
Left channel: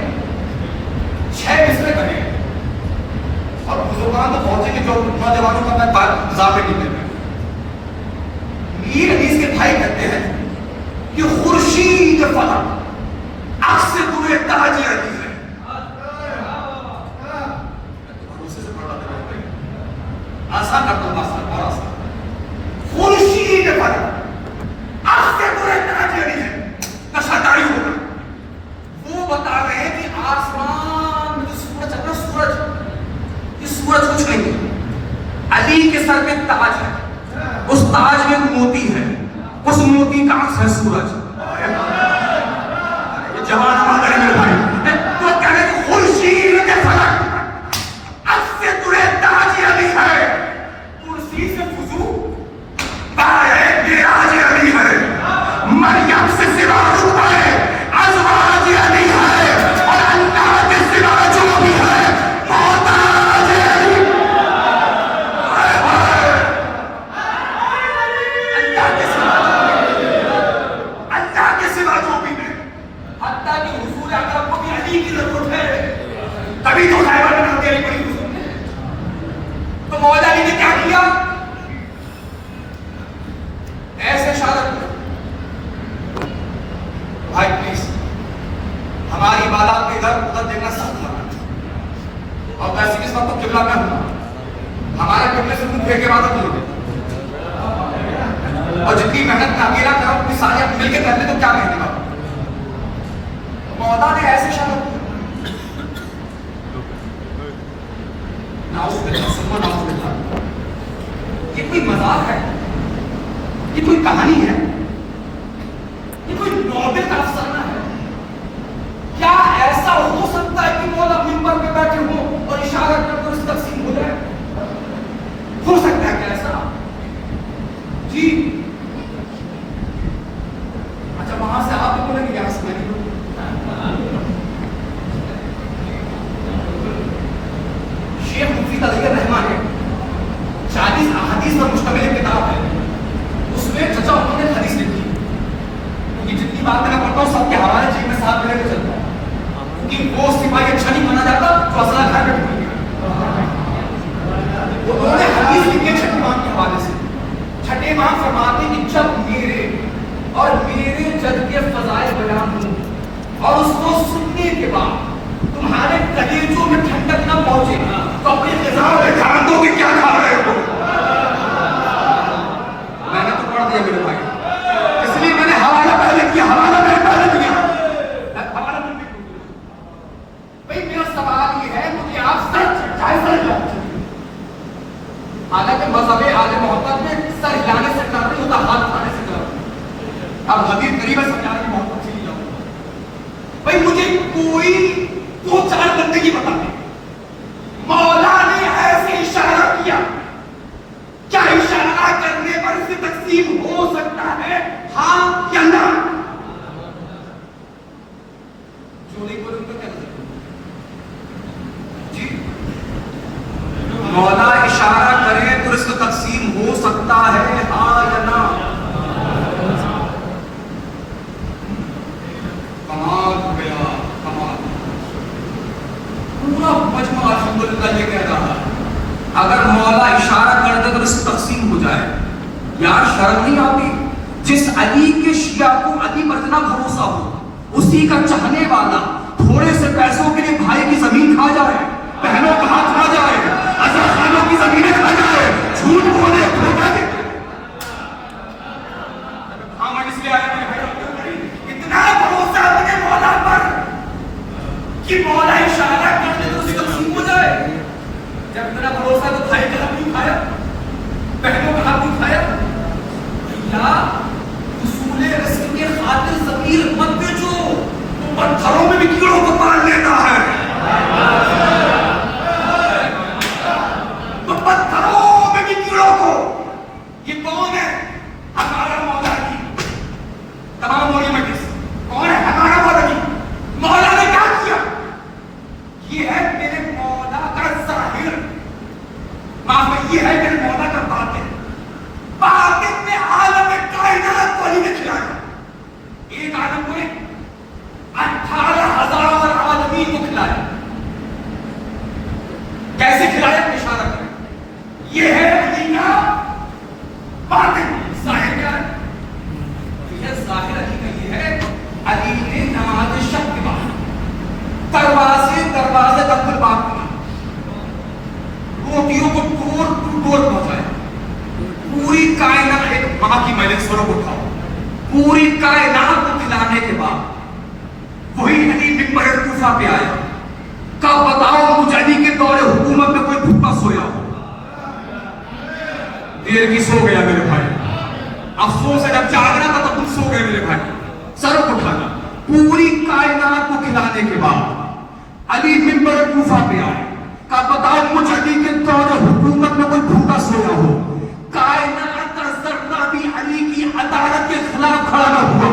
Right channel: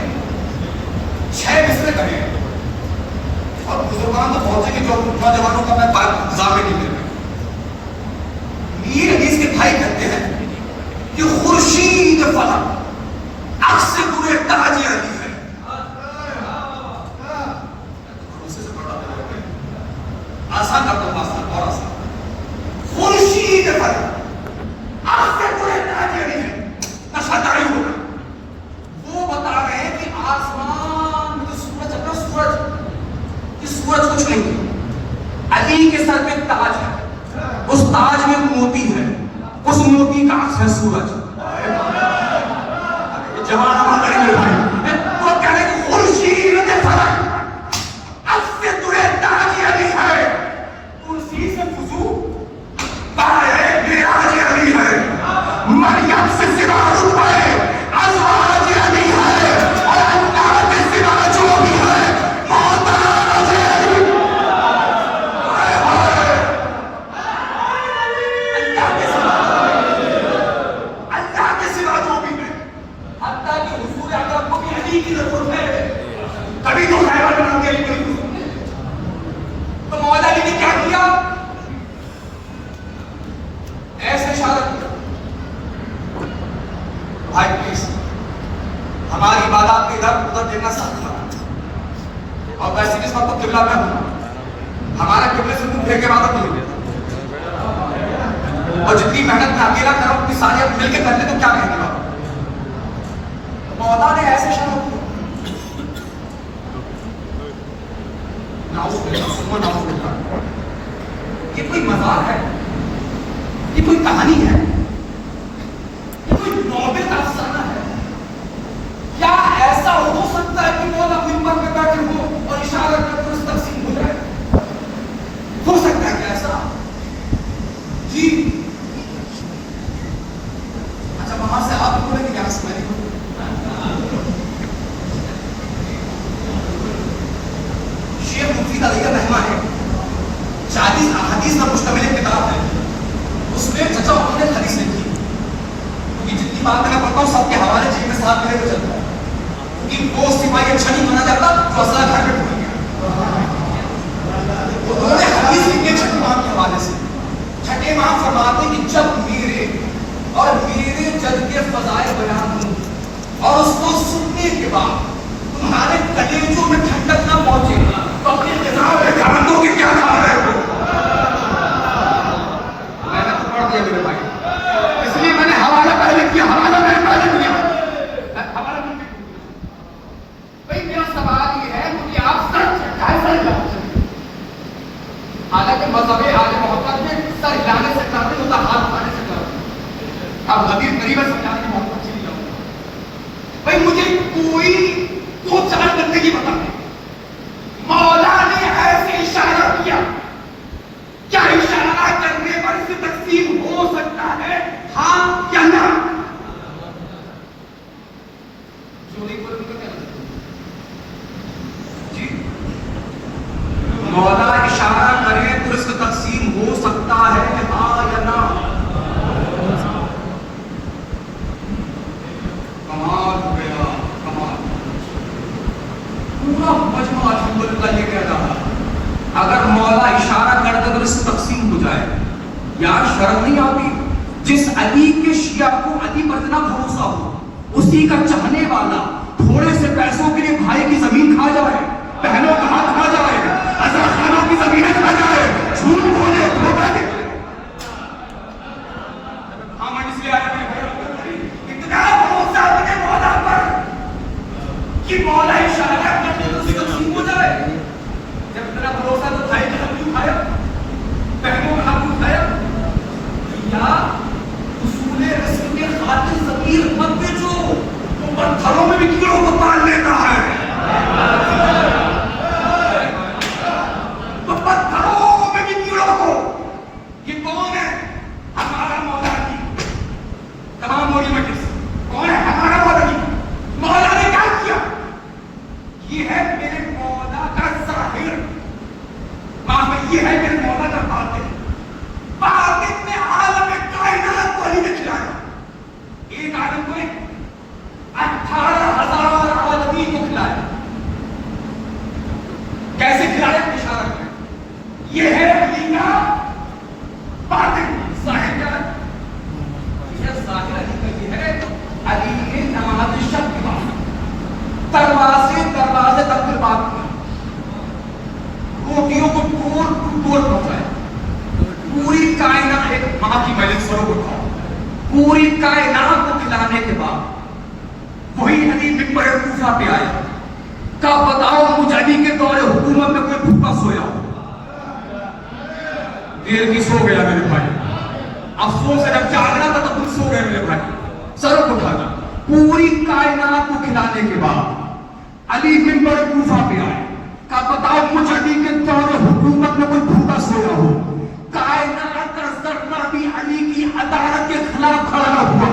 6 مصرے کرے گے اور بزرگان تو پہنچے گی جو نوجوانوں کا میں ضابطے نہیں دے رہا. میر حدیث کے بھائی کہتے ہیں کہ خورشید فلک عکس پورے تاج علی ہے. آسان کر دو, آسان اور آسان. خورشید فلک عکس پورے تاج علی ہے. نشہ داری ہو گئی. وہ بتا رہے ہیں کہ آسمان میں جو سورج ہے, سورج یہ سورج کچھ نہیں ہے, علی کے سر پہ تاج ہے, اس تاج میں موتی ہے, اس موتی کا عکس ہے سورج. جوان ہمارے لیے بھائی وہ کہہ رہے کہ خورشید کے فلک عکس سے ترے تاج علی ہے. کرسی سے وضو پائے معراج علی ہے. مریم سے سراج ہوا ہے, ازواج علی ہے, اور اللہ کے سوا جو بھی ہے محتاج علی. اللہ کے سوا جو بھی ہے, حتیٰ کہ حضور اکرم کو بھی علی کی ضرورت ہے. تبھی تو صاحبہ نے نام دیا علی کوئی حضور. تو مولا علی نے کیا کیا؟ ایسے اشارت بھائی پلیز ہماری عبادات کے ادھر ادھر دیکھنا سخت ہے. اور ویسے اس وقت تو قبلہ میں ہوں, ہمارے قبلے سے منہ پھیر کے عبادت نہیں ہوگی. اور جتنی محنت میں اکیلا کروں اپنی سارے مل کے کر لیں تو کیا کہنے گا. مولا نے ایسے اشارت کیا. یہ کوئی مزاق ہے؟ یہ کوئی کہانی ہے؟ یہ کوئی نوبل کا افسانہ ہے؟ کیا ایسا ہو سکتا ہے کہ مولا منبر پہ بیٹھے ہوں اور اشارت کر کر اس تقسیم ہو جائے؟ ہو سکتا ہے کیا ایسا؟ جی اچھا, وہاں سے آپ بولیں گے یہاں سے میں نہیں. شیخ مفید علی الرحمن ہے, 40 احادیث پر مشتمل ایک کتاب ہے. اس میں چچا انہوں نے حدیث لکھی, کیونکہ جتنی بات میں پڑھتا ہوں سب کے حوالے جی میں صاحب میرے کو چلتا ہوں, کیونکہ وہ سپاہی اچھا نہیں مانا جاتا تو اصلا گھر پہ ڈھول گیا. انہوں نے حدیث لکھی چھٹے امام کے حوالے سے. چھٹے امام فرماتے کہ جب میرے اور میرے جد کے فضائل بیان ہوں اور اس کو سننے کے بعد تمہارے کلیجوں میں ٹھنڈک نہ پہنچے تو اپنی غذا میں دھیان دو کہ کیا کھا رہے ہو. میں نے تو پڑھ دیا میرے بھائی, اس لیے میں نے حوالہ پہلے کیا, حوالہ میں نے پہلے کیا. بھائی میرا سوال یہ ہے کہ آپ سچ حالانکہ مذہب آل محمد میں سر ہلانے سے ڈر نہیں ہوتا, ہاتھ اٹھانے سے ڈر. اب غدیر قریب ہے سمجھانے کی محبت اچھی نہیں لگتی. بھائی مجھے کوئی دو چار بندگی بتا دیں مولا نے ایسے اشارہ کیا, کیا اشارہ کرنے پر اسے تقسیم ہو سکتا ہے, ہاں یا نہ؟ جو نہیں بولے ان کا کیا مطلب جی؟ مولا اشارہ کرے تو اس کو علی کے شیعہ کو علی پر اتنا بھروسہ ہو، اسی کا چاہنے والا تھوڑے سے پیسوں کے لیے بھائی کی زمین کھا جائے، بہنوں کا ہاتھ کھا جائے، عزا خانوں کی زمینیں کھا جائے، جھوٹ بولے دھوکہ دے۔ ہاں میں اس لیے آیا اتنا بھروسہ اپنے مولا پر کہ مولا اشارہ کر دے تو اسی کو نصیب ہو جائے۔ جب اتنا بھروسہ تو بھائی کا حق کیوں کھایا، بہنوں کا حق کیوں کھایا؟ یا اصول رسم کے خاطر ضمیر مت بیچو، وہ پتھروں میں بھی کیڑوں کو پال لیتا ہے، تو پتھروں میں بھی کیڑوں کو۔ یہ کون ہے؟ ہمارا مولا کی تمام مولی مجلس کون ہے؟ ہمارا مولا کی۔ مولا نے کیا کیا؟ یہ ہے میرے مولا کا ظاہر، یہ ہے میرے مولا کا باطن۔ باطن نے عالم کائنات کو علی نے کھلایا، ایک عالم کو 18,000 آدمی کو کھلایا۔ کیسے کھلایا؟ اشارہ کریں، یہ ہے علی کا باطن۔ ظاہر کیا ہے؟ یہ ظاہر علی کا یہ ہے، علی نے نماز شب کے بعد دروازے تک کھل بات کیا، روٹیوں کو ٹور پہنچایا، پوری کائنات ایک ماں کی مجلس سروں کو کھاؤ، پوری کائنات کو کھلانے کے بعد وہی علی منبر کوفہ پہ آیا، کہا بتاؤ مجھ علی کے دور حکومت میں کوئی بھوکا سویا ہو؟ دیر کی سو گیا میرے بھائی، افسوس ہے جب جاگنا تھا تب سو گئے میرے بھائی۔ سروں کو اٹھانا، پوری کائنات کو کھلانے کے بعد علی منبر کوفہ پہ آئے، کہا بتاؤ مجھ علی کے دور حکومت میں کوئی بھوکا سویا ہو؟ کائنات کا ذرہ بھی علی کی عدالت کے خلاف کھڑا نہ ہوا،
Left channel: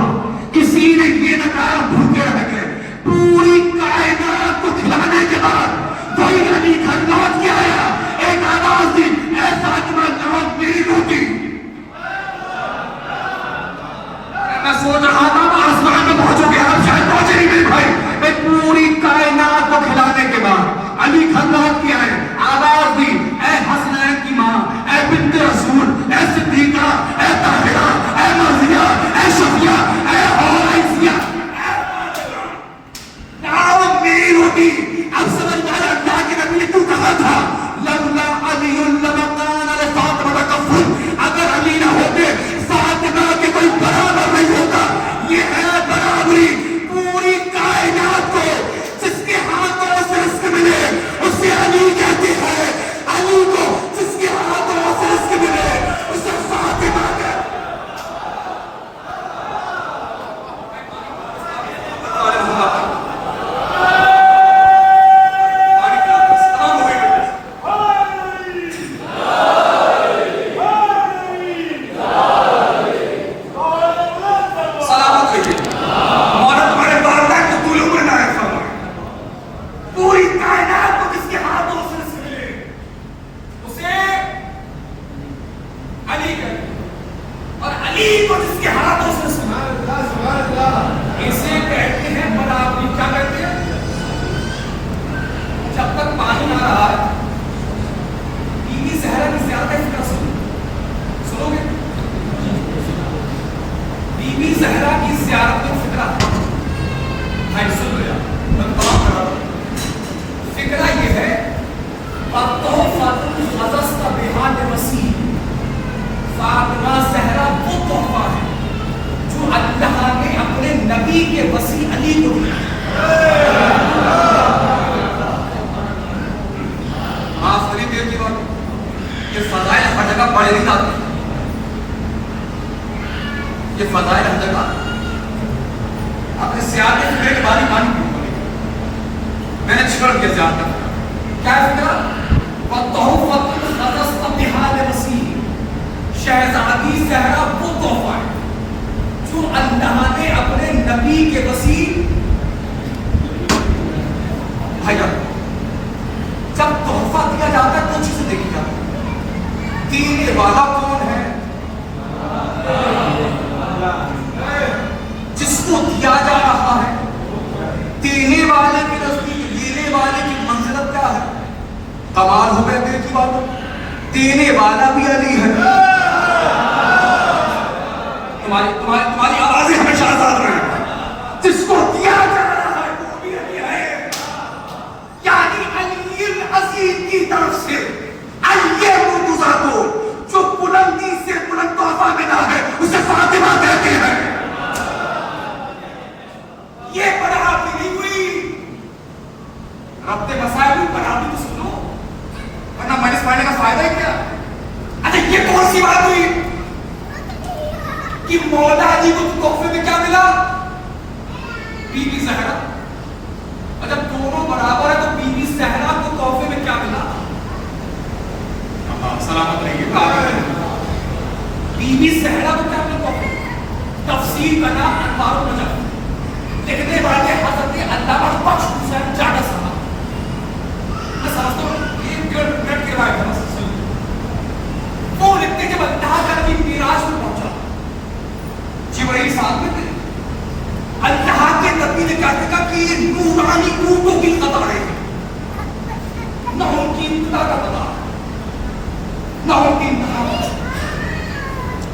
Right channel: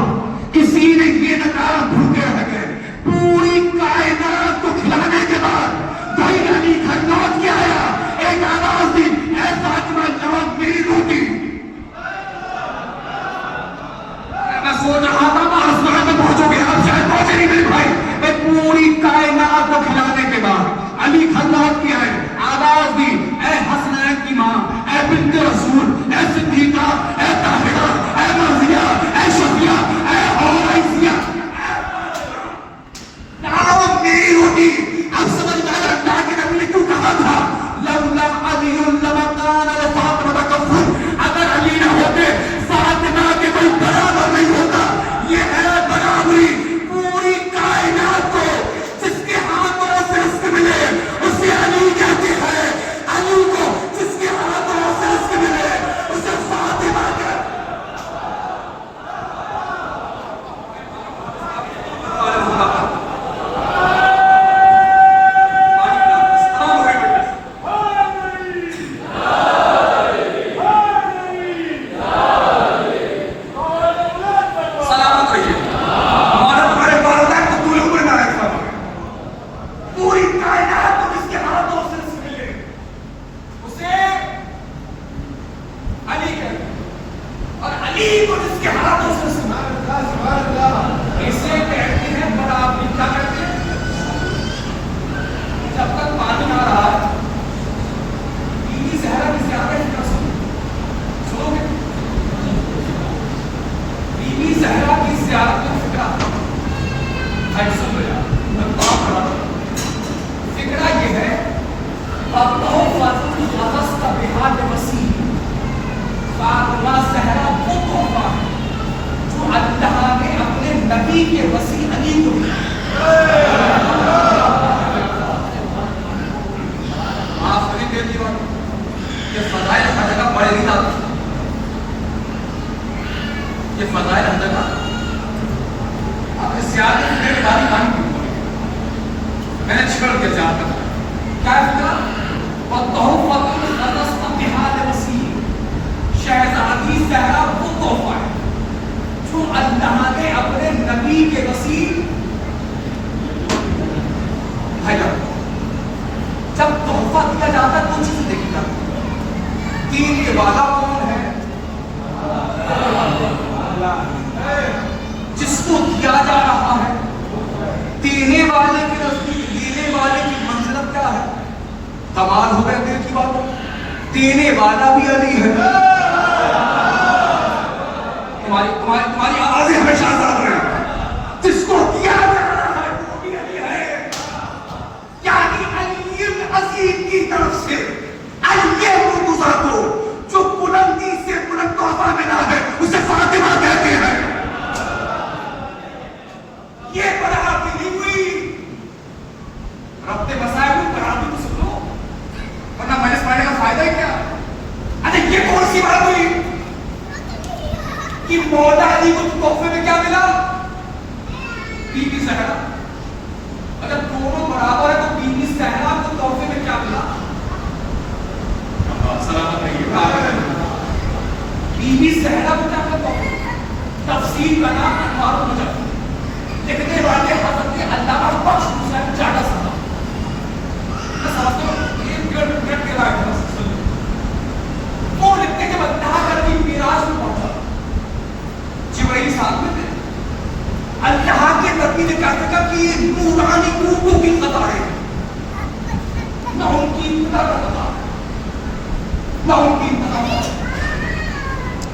کسی نے یہ نہ کہا بھوکے رہ گئے۔ پوری کائنات کو کھلانے کے بعد وہی علی گھر لوٹ کے آیا، ایک آواز دی، اے فاطمہ لوٹ میری روٹی۔ میں سوچ رہا تھا میں آسمان میں پہنچو گے، آپ شاید پہنچے نہیں میرے بھائی۔ پوری کائنات کو کھلانے کے بعد علی گھر لوٹ کے آئے، آواز دی، اے حسنین کی ماں، اے بنت رسول، اے صدیقہ، اے طاہرہ، اے مرضیہ، اے شفیہ، اے عائشہ، لاؤ میری روٹی۔ اب سمجھ میں آیا اللہ کے نبی نے کیوں کہا تھا لولا علی لما کان لفاطمہ کفر، اگر علی نہ ہوتے فاطمہ کے کوئی برابر نہیں ہوتا۔ یہ ہے برابری، پوری کائنات کو جس کے ہاتھوں سے رزق ملے اسے علی کہتے ہیں، علی کو جس کے ہاتھوں سے رزق ملے اسے فاطمہ کہتے ہیں۔ سلامت رہیے، مولا تمہارے والدہ کو طول عمر نہ رکھا۔ پوری کائنات کو جس کے ہاتھوں سے رزق ملے اسے علی کہتے ہیں، اور علی کو جس کے ہاتھوں سے رزق ملے اسے کہتے ہیں برابری۔ کیا کہتے ہیں؟ جب تک پانی نہ رہا ہے، بی بی زہرا کی زیادہ فکر سنو گے؟ بی بی زہرا کی زیارت کا فکرہ بھائی سن لو یار، میں بات کر رہا ہوں۔ فکرہ یہ ہے فاطمہ زہرا وہ تحفہ ہے جو اللہ نے اپنے نبی کے وسیع علی کو معاف کریں دیر کی بات، یہ فضائل ہر جگہ پڑھے نہیں جاتے، یہ فضائل ہر جگہ آپ نے سیاہ کے فکر کی باری مانی، میں نے چھوڑ دیا جاتا کیا فکرہ؟ وَالتَّحُفَّةُ الْغَدَسْتَ بِحَالِ وَسِیع، شہزادی زہرا وہ تحفہ ہے جو اللہ نے اپنے نبی کے وسیع بھائی جب تحفہ دیا جاتا ہے دو چیزیں دیکھی جاتی ہیں، دینے والا کون ہے؟ جس کو دیا جا رہا ہے، دینے والے کی نزدیک دینے والے کی منزلت کیا ہے؟ کمال ہو گئے دل کی بات، دینے والا بھی علی ہے۔ تمہاری آوازیں ہمیشہ آزاد رہیں. جس کو دیا جا رہا ہے وہ بھی علی ہے. یعنی علی العظیم کی طرف سے علی مرتضیٰ کو جو بلندی سے بلند تحفہ ملا ہے اسے فاطمہ کہتے ہیں. یہ پڑھا ملی ہوئی ربط مسائل پڑھا بھی تو سنو, ورنہ مائنس پڑھنے کا فائدہ ہی کیا. اچھا یہ کون سی بات ہوئی کہ مولا علی کو تحفے میں کیا ملا؟ بی بی زہرا. اگر دونوں برابر ہے تو بی بی زہرا کو تحفے میں کیا ملا؟ سلامت رہیے. بی بی زہرا کو کیا ملا تحفے میں؟ تفسیر کا نام انوار المجاہد, لکھنے والے حضرت علامہ بخش حسین جاڈا صاحب. میں سمجھتا ہوں ایک منٹ کے بعد وہ لکھتے جب اللہ کا نبی میراج میں پہنچا, جبرائیل ساتھ میں تھے, اللہ کے نبی نے کیا کہا کہ نورانی اونٹوں کی قطاریں ہیں, نہ ان کی ابتدا کا پتا نہ ان کی انتہا.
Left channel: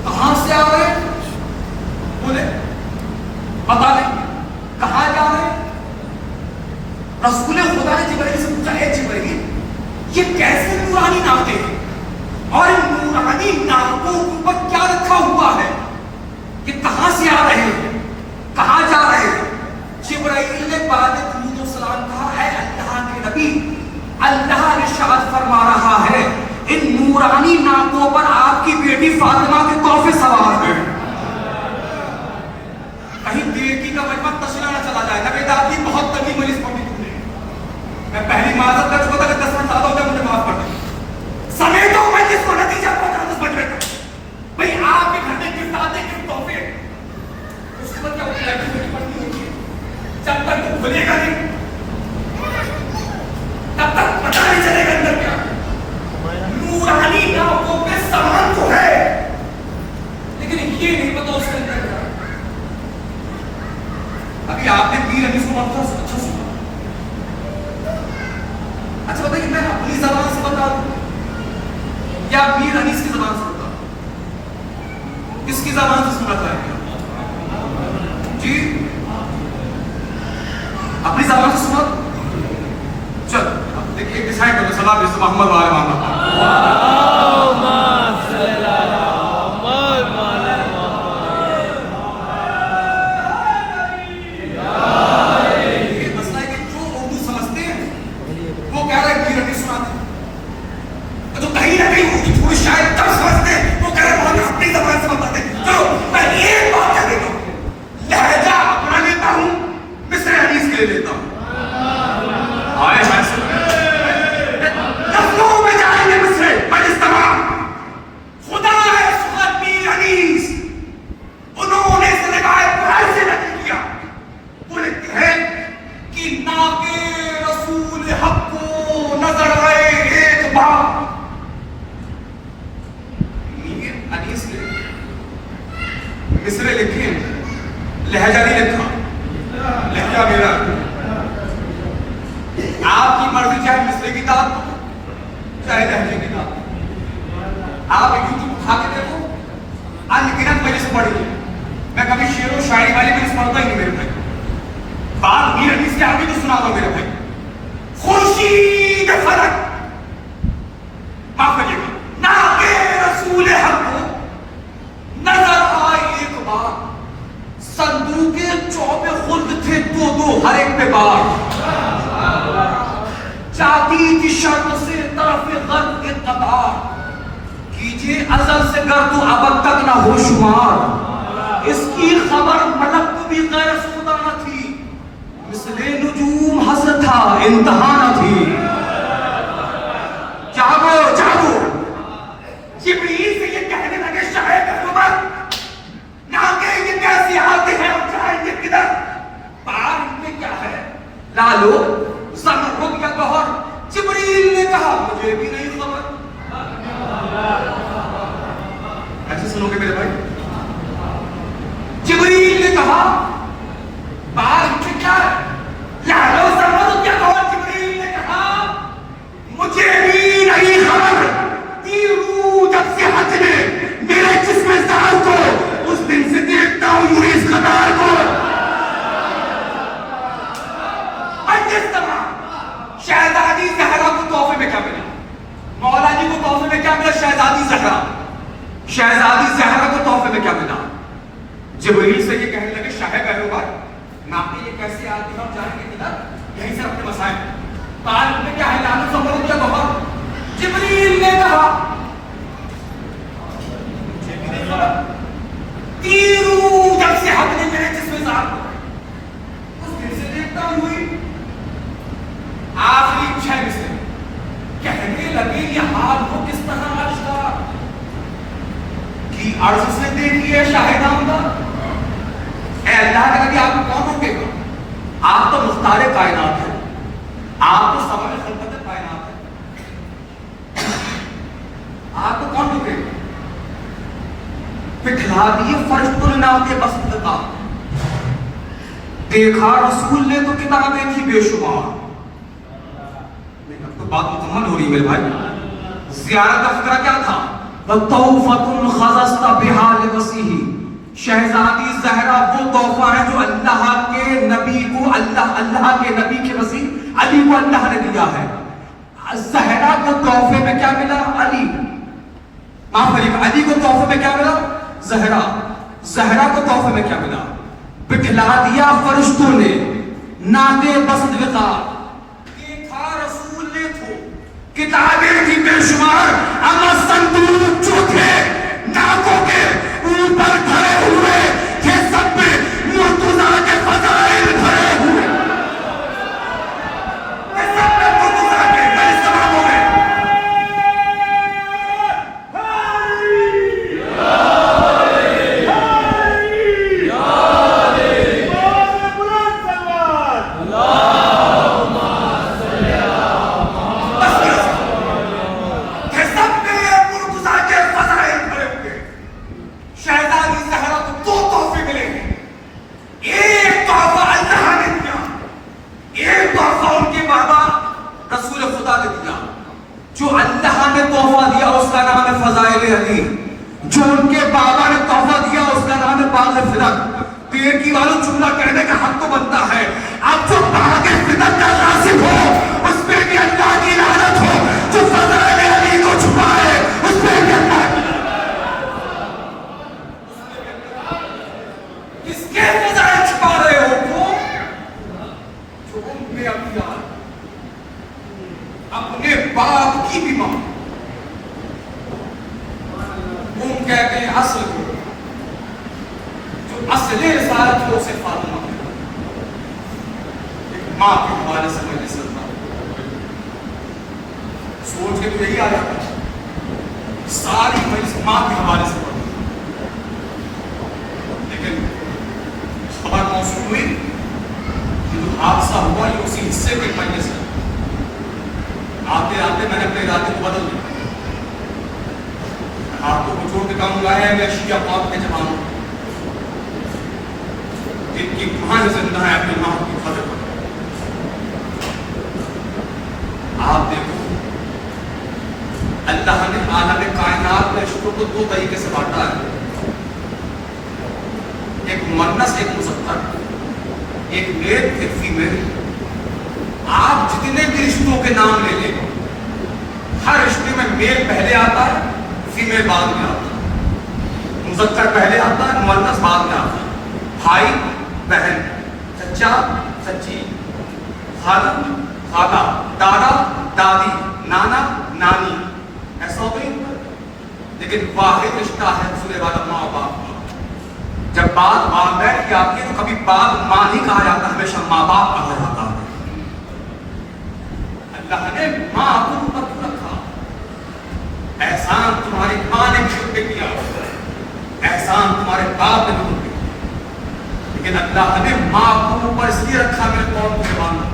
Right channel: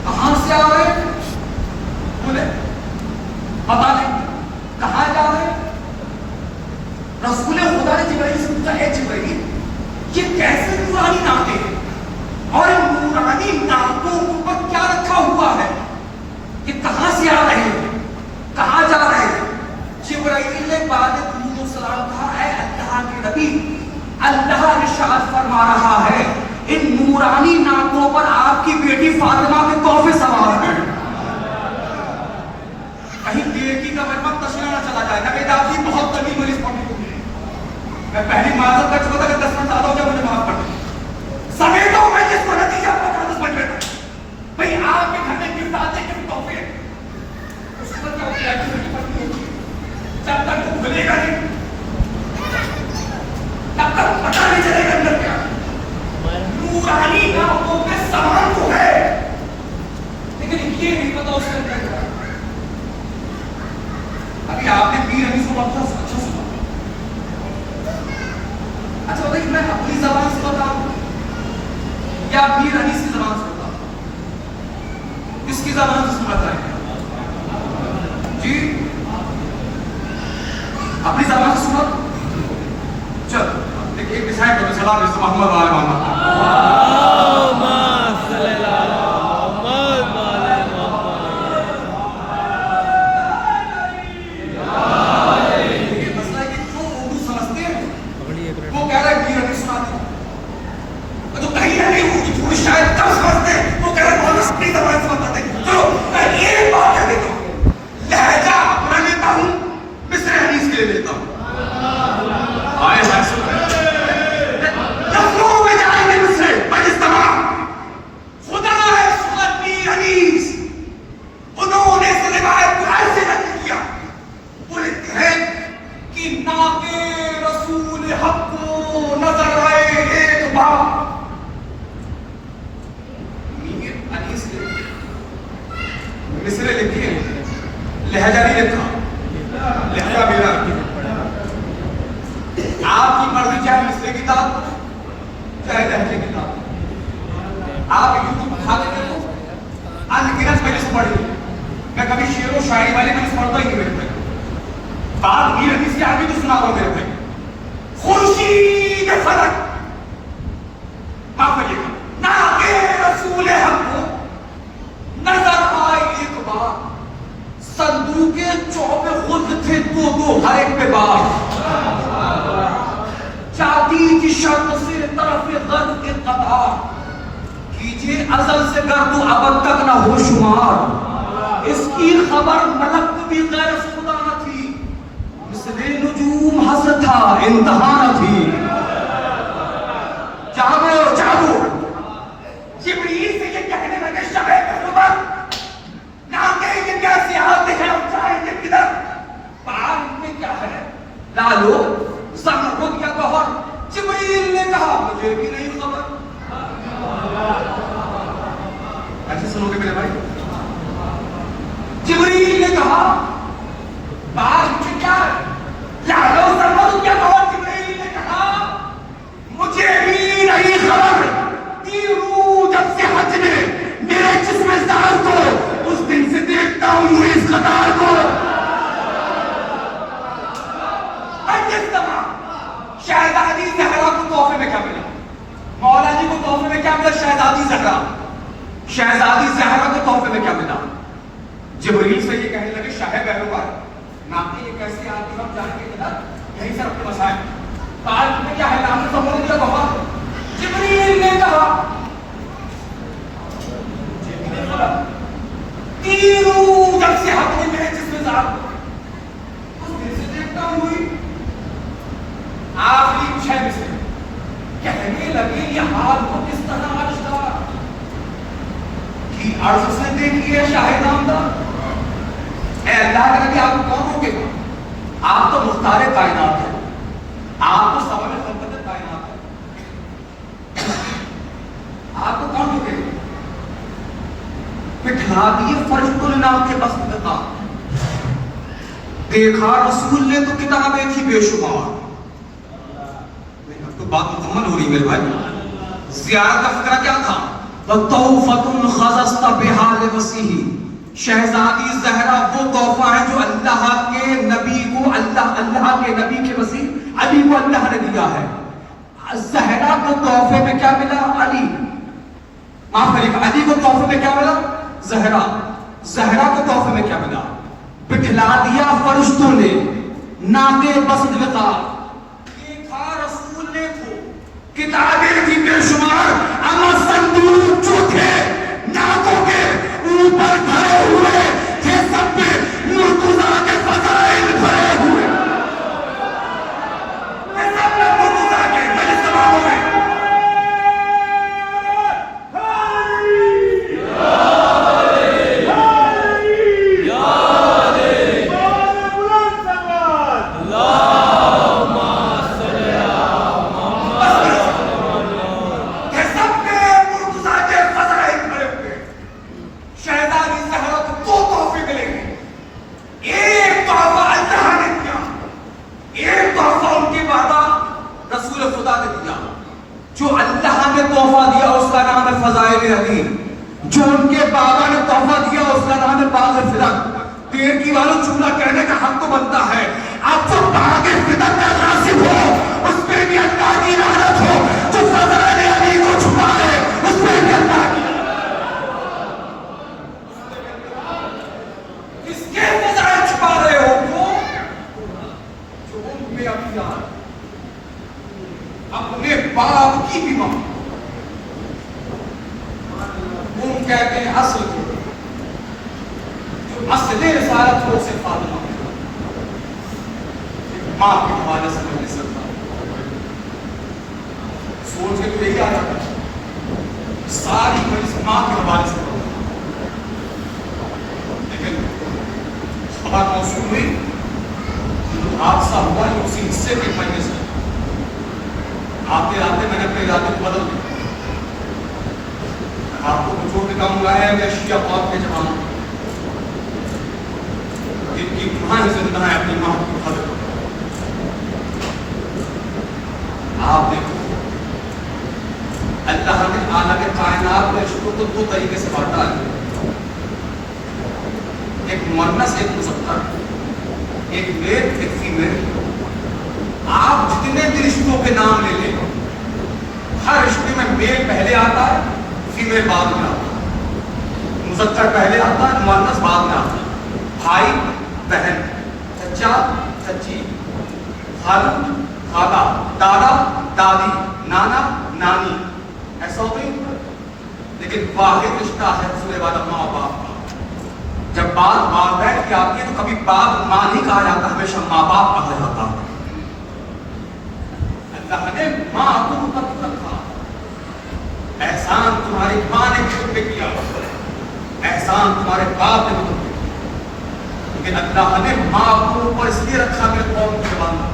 کہاں سے آ رہے بولے پتا نہیں, کہاں جا رہے. رسول خدا نے جبرائیل سے پوچھا, اے جبرائیل یہ کیسے نورانی ناطے ہیں اور نورانی ناطوں کے اوپر کیا رکھا ہوا ہے, یہ کہاں سے آ رہے ہیں, کہاں جا رہے ہیں. جبرائیل نے بعد درود و سلام کہا, اے اللہ کے نبی, اللہ ارشاد فرما رہا ہے ان نورانی ناطوں پر آپ کی بیٹی فاطمہ کے تحفے سوار ہیں. کہیں دیرکی کا مجمع تشریح نہ چلا جائے گا کہ آپ کی بہت تنگی مریض پڑی ہوئی ہے. میں پہلی معذرت کر چکا تھا کہ 10 منٹ زیادہ ہو جائے, مجھے معاف کر دیں. سمیٹو میں جس کو نتیجہ پہنچا 10 منٹ میں بھئی آپ کے گھر میں گفٹ آتے ہیں کہ تحفے اس کے بعد کیا ہوتا ہے کہ پڑھنی ہوتی ہے جب تک وہ کھلے گا نہیں تب تک پتہ نہیں چلے گا اندر کیا. نورانی ناطوں پہ سامان تو ہے لیکن یہ نہیں پتا اس کے اندر کیا. ابھی آپ نے پیر علی سنا تھا, اچھا سنا. اچھا بتائیے میں اپنی زبان سے بتا دوں یا پیر علی کی زبان سے بتا دوں, کس کی زبان سے سنا تھا جی؟ اپنی زبان سے سنا. چل دیکھیے ڈیسائڈ کرو, سلام علیکم محمد وعلیہ محمد. جبریل سے یہ کہنے لگے شاہ پیغمبر ناقے یہ کیسے آتی ہم جان کے ادھر یہیں سے اپنے مسائل تعلق میں کیا ہے لعنت سمجھ لیا بابا جبریل نے کہا تیروں جب سے حد نے میرے جسم ذات اس دن سے دیکھتا ہوئی آخری 6 میں سے کہنے لگے یہ حال کو کس طرح آشتا کی عرض سے دیکھی ہے شاہ نامدار اے اللہ کے لگے آپ کون ہوں گے آپ تو مختار کائنات ہیں آپ تو سبب خلقت کائنات ہیں آپ کو کون ہوں گے بٹھلا دیے فرشتوں نے نام کے بس کا دیکھا رسول نے تو کتابیں تھی بے شمار اب تو بات مکمل ہو رہی میرے بھائی زیارت کا فکرہ کیا تھا تحفۃ خصصت بها لمسیح شہزادی زہرا وہ تحفہ ہے جو اللہ کے نبی کو اللہ کے نبی کے مسیح علی کو اللہ نے دیا ہے زہرا کو تحفے میں کیا ملا علی معاف کریے علی کو تحفے میں کیا ملا زہرا کو تحفے میں کیا ملا بٹھلا دیا فرشتوں نے ناکے بسط وقار دیکھا رسول نے تو کتابیں کی بے شمار اما صندوق جو تھے ناکوں کے اوپر کھڑے ہوئے تھے سب میں مرتضی کے فضائل بھرے ہوئے سب میں مرتضی کے بڑے سوابوں میں جو اللہ نے تحفہ دیا اس کا نام ہے فضائل علی جو ان کے بابا نے تحفہ دیا اس کا نام ہے باغ فدق پیر کی والی جملہ کہنے کا حق تو بنتا ہے اب جو باغ فدق کا ناصب ہو اس پہ بھی اللہ کی لعنت ہو جو فضائل علی کو چھپائے اس پہ بھی اللہ اس کے فضائل چھپا رہے ہو جو ان میں اپنی اپنے باپ کی بھی ماں وہ کہتے ہیں اصل کو جو اصل رسالت کو اسے فاطمہ ماں کے حوالے سے میں سکتا سوچ کے تو یہی آ جاتا ساری بڑی سے ماں کے حوالے سے لیکن خبر موصول ہوئی حادثہ ہوا یہ اسی حصے کے پڑھنے سے آتے آتے میں نے اپنے ارادے کو بدل دیا آپ کو کچھ اور کے کام لائے ہیں میں شیعہ پاک کے جوان ان کی گناہ زندہ ہے اپنی ماں کو خطر آپ دیکھو اللہ نے عالم کائنات میں عشق کو 2 طریقے سے بانٹا ہے ایک مؤنث ایک مذکر ایک میل ایک فیمیل آپ جتنے بھی رشتوں کے نام لے لیں ہر رشتے میں میل پہلے آتا ہے فیمیل بعد میں آتا ہے مذکر پہلے آتا ہے مؤنث بعد میں آتا ہے بھائی بہن چچا چچی خالہ خالہ دادا دادی نانا نانی ایسا ہو گئی لیکن واحد رشتہ ہے حصول والا ماں باپ جب بات والدین کی آتی ہے تو کبھی بعد ماں نہیں کہا جاتا ہمیشہ ماں باپ کہا جاتا ہے اللہ نے ماں کو اوپر رکھا احسان تمہاری ماں نے بھی تم پہ کیا احسان تمہارے باپ نے بھی تم پہ کیا لیکن اللہ نے ماں کو اوپر اس لیے رکھا میرے قوم کے بندہ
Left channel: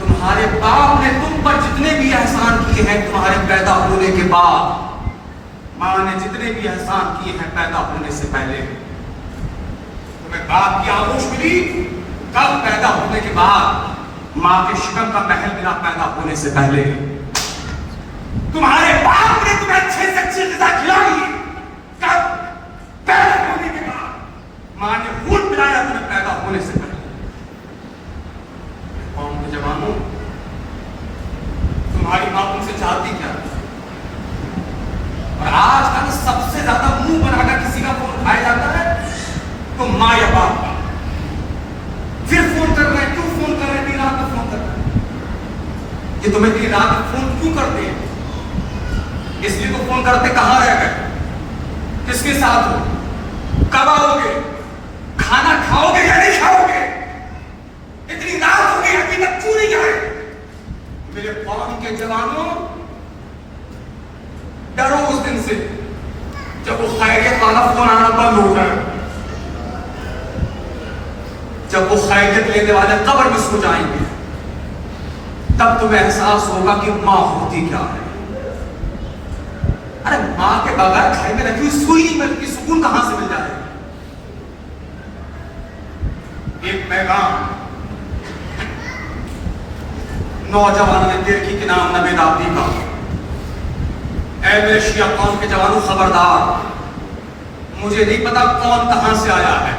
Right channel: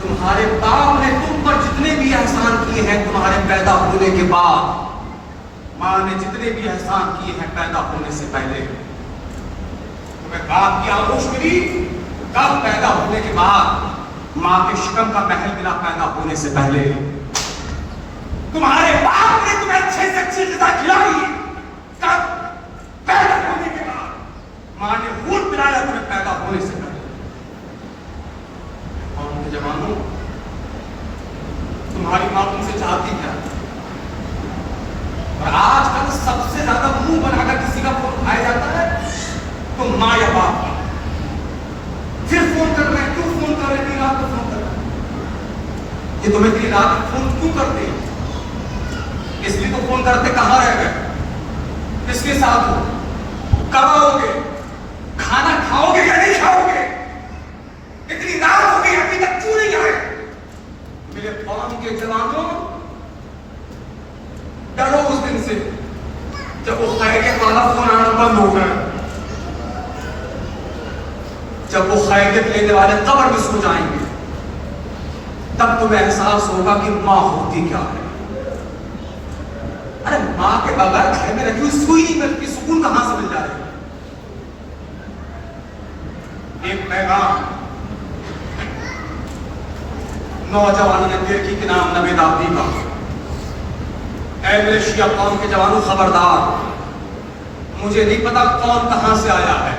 تمہارے باپ نے تم پر جتنے بھی احسان کیے ہیں تمہارے پیدا ہونے کے بعد ماں نے جتنے بھی احسان کیے ہیں پیدا ہونے سے پہلے تمہیں باپ کی آغوش ملی کب پیدا ہونے کے بعد ماں کے شکم کا محل ملا پیدا ہونے سے پہلے تمہارے باپ نے تمہیں اچھے سے اچھی غذا کھلائی کب پیدا ہونے کے بعد ماں نے خون پلایا تمہیں پیدا ہونے سے پہلے قوم کے جوانوں تمہاری ماں تم سے چاہتی کیا اور آج کل سب سے زیادہ منہ بنا کر کسی کا فون اٹھایا جاتا ہے یہ تمہیں اتنی رات فون کیوں کرتے ہیں؟ اس لیے تو فون کرتے کہاں رہ گئے، کس کے ساتھ ہو، کب آؤ گے، کھانا کھاؤ گے یا نہیں کھاؤ گے؟ اتنی رات ہو گئی ابھی تک کیوں نہیں آئے؟ میرے قوم کے جوانوں ڈرو اس دن سے جب وہ خیریت والا فون آنا بند ہو گیا، جب وہ خیریت لینے والے قبر میں سو جائیں گے، تب تمہیں احساس ہوگا کہ ماں ہوتی کیا ہے۔ ارے ماں کے بغیر گھر میں رکھی ہوئی سوئی نہیں ملتی، سکون کہاں سے مل جائے؟ ایک پیغام نوجوانوں نے دل کی نام نبی رابطی کا، اے میرے شیعہ قوم کے جوانوں خبردار، مجھے نہیں پتا کون کہاں سے آیا ہے،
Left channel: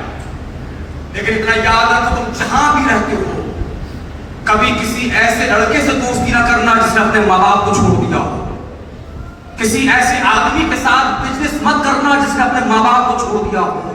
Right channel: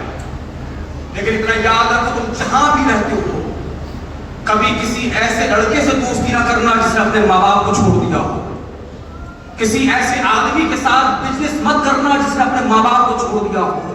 لیکن اتنا یاد رکھو تم جہاں بھی رہتے ہو کبھی کسی ایسے لڑکے سے دوستی نہ کرنا جس نے اپنے ماں باپ کو چھوڑ دیا ہو، کسی ایسے آدمی کے ساتھ بزنس مت کرنا جس نے اپنے ماں باپ کو چھوڑ دیا ہو،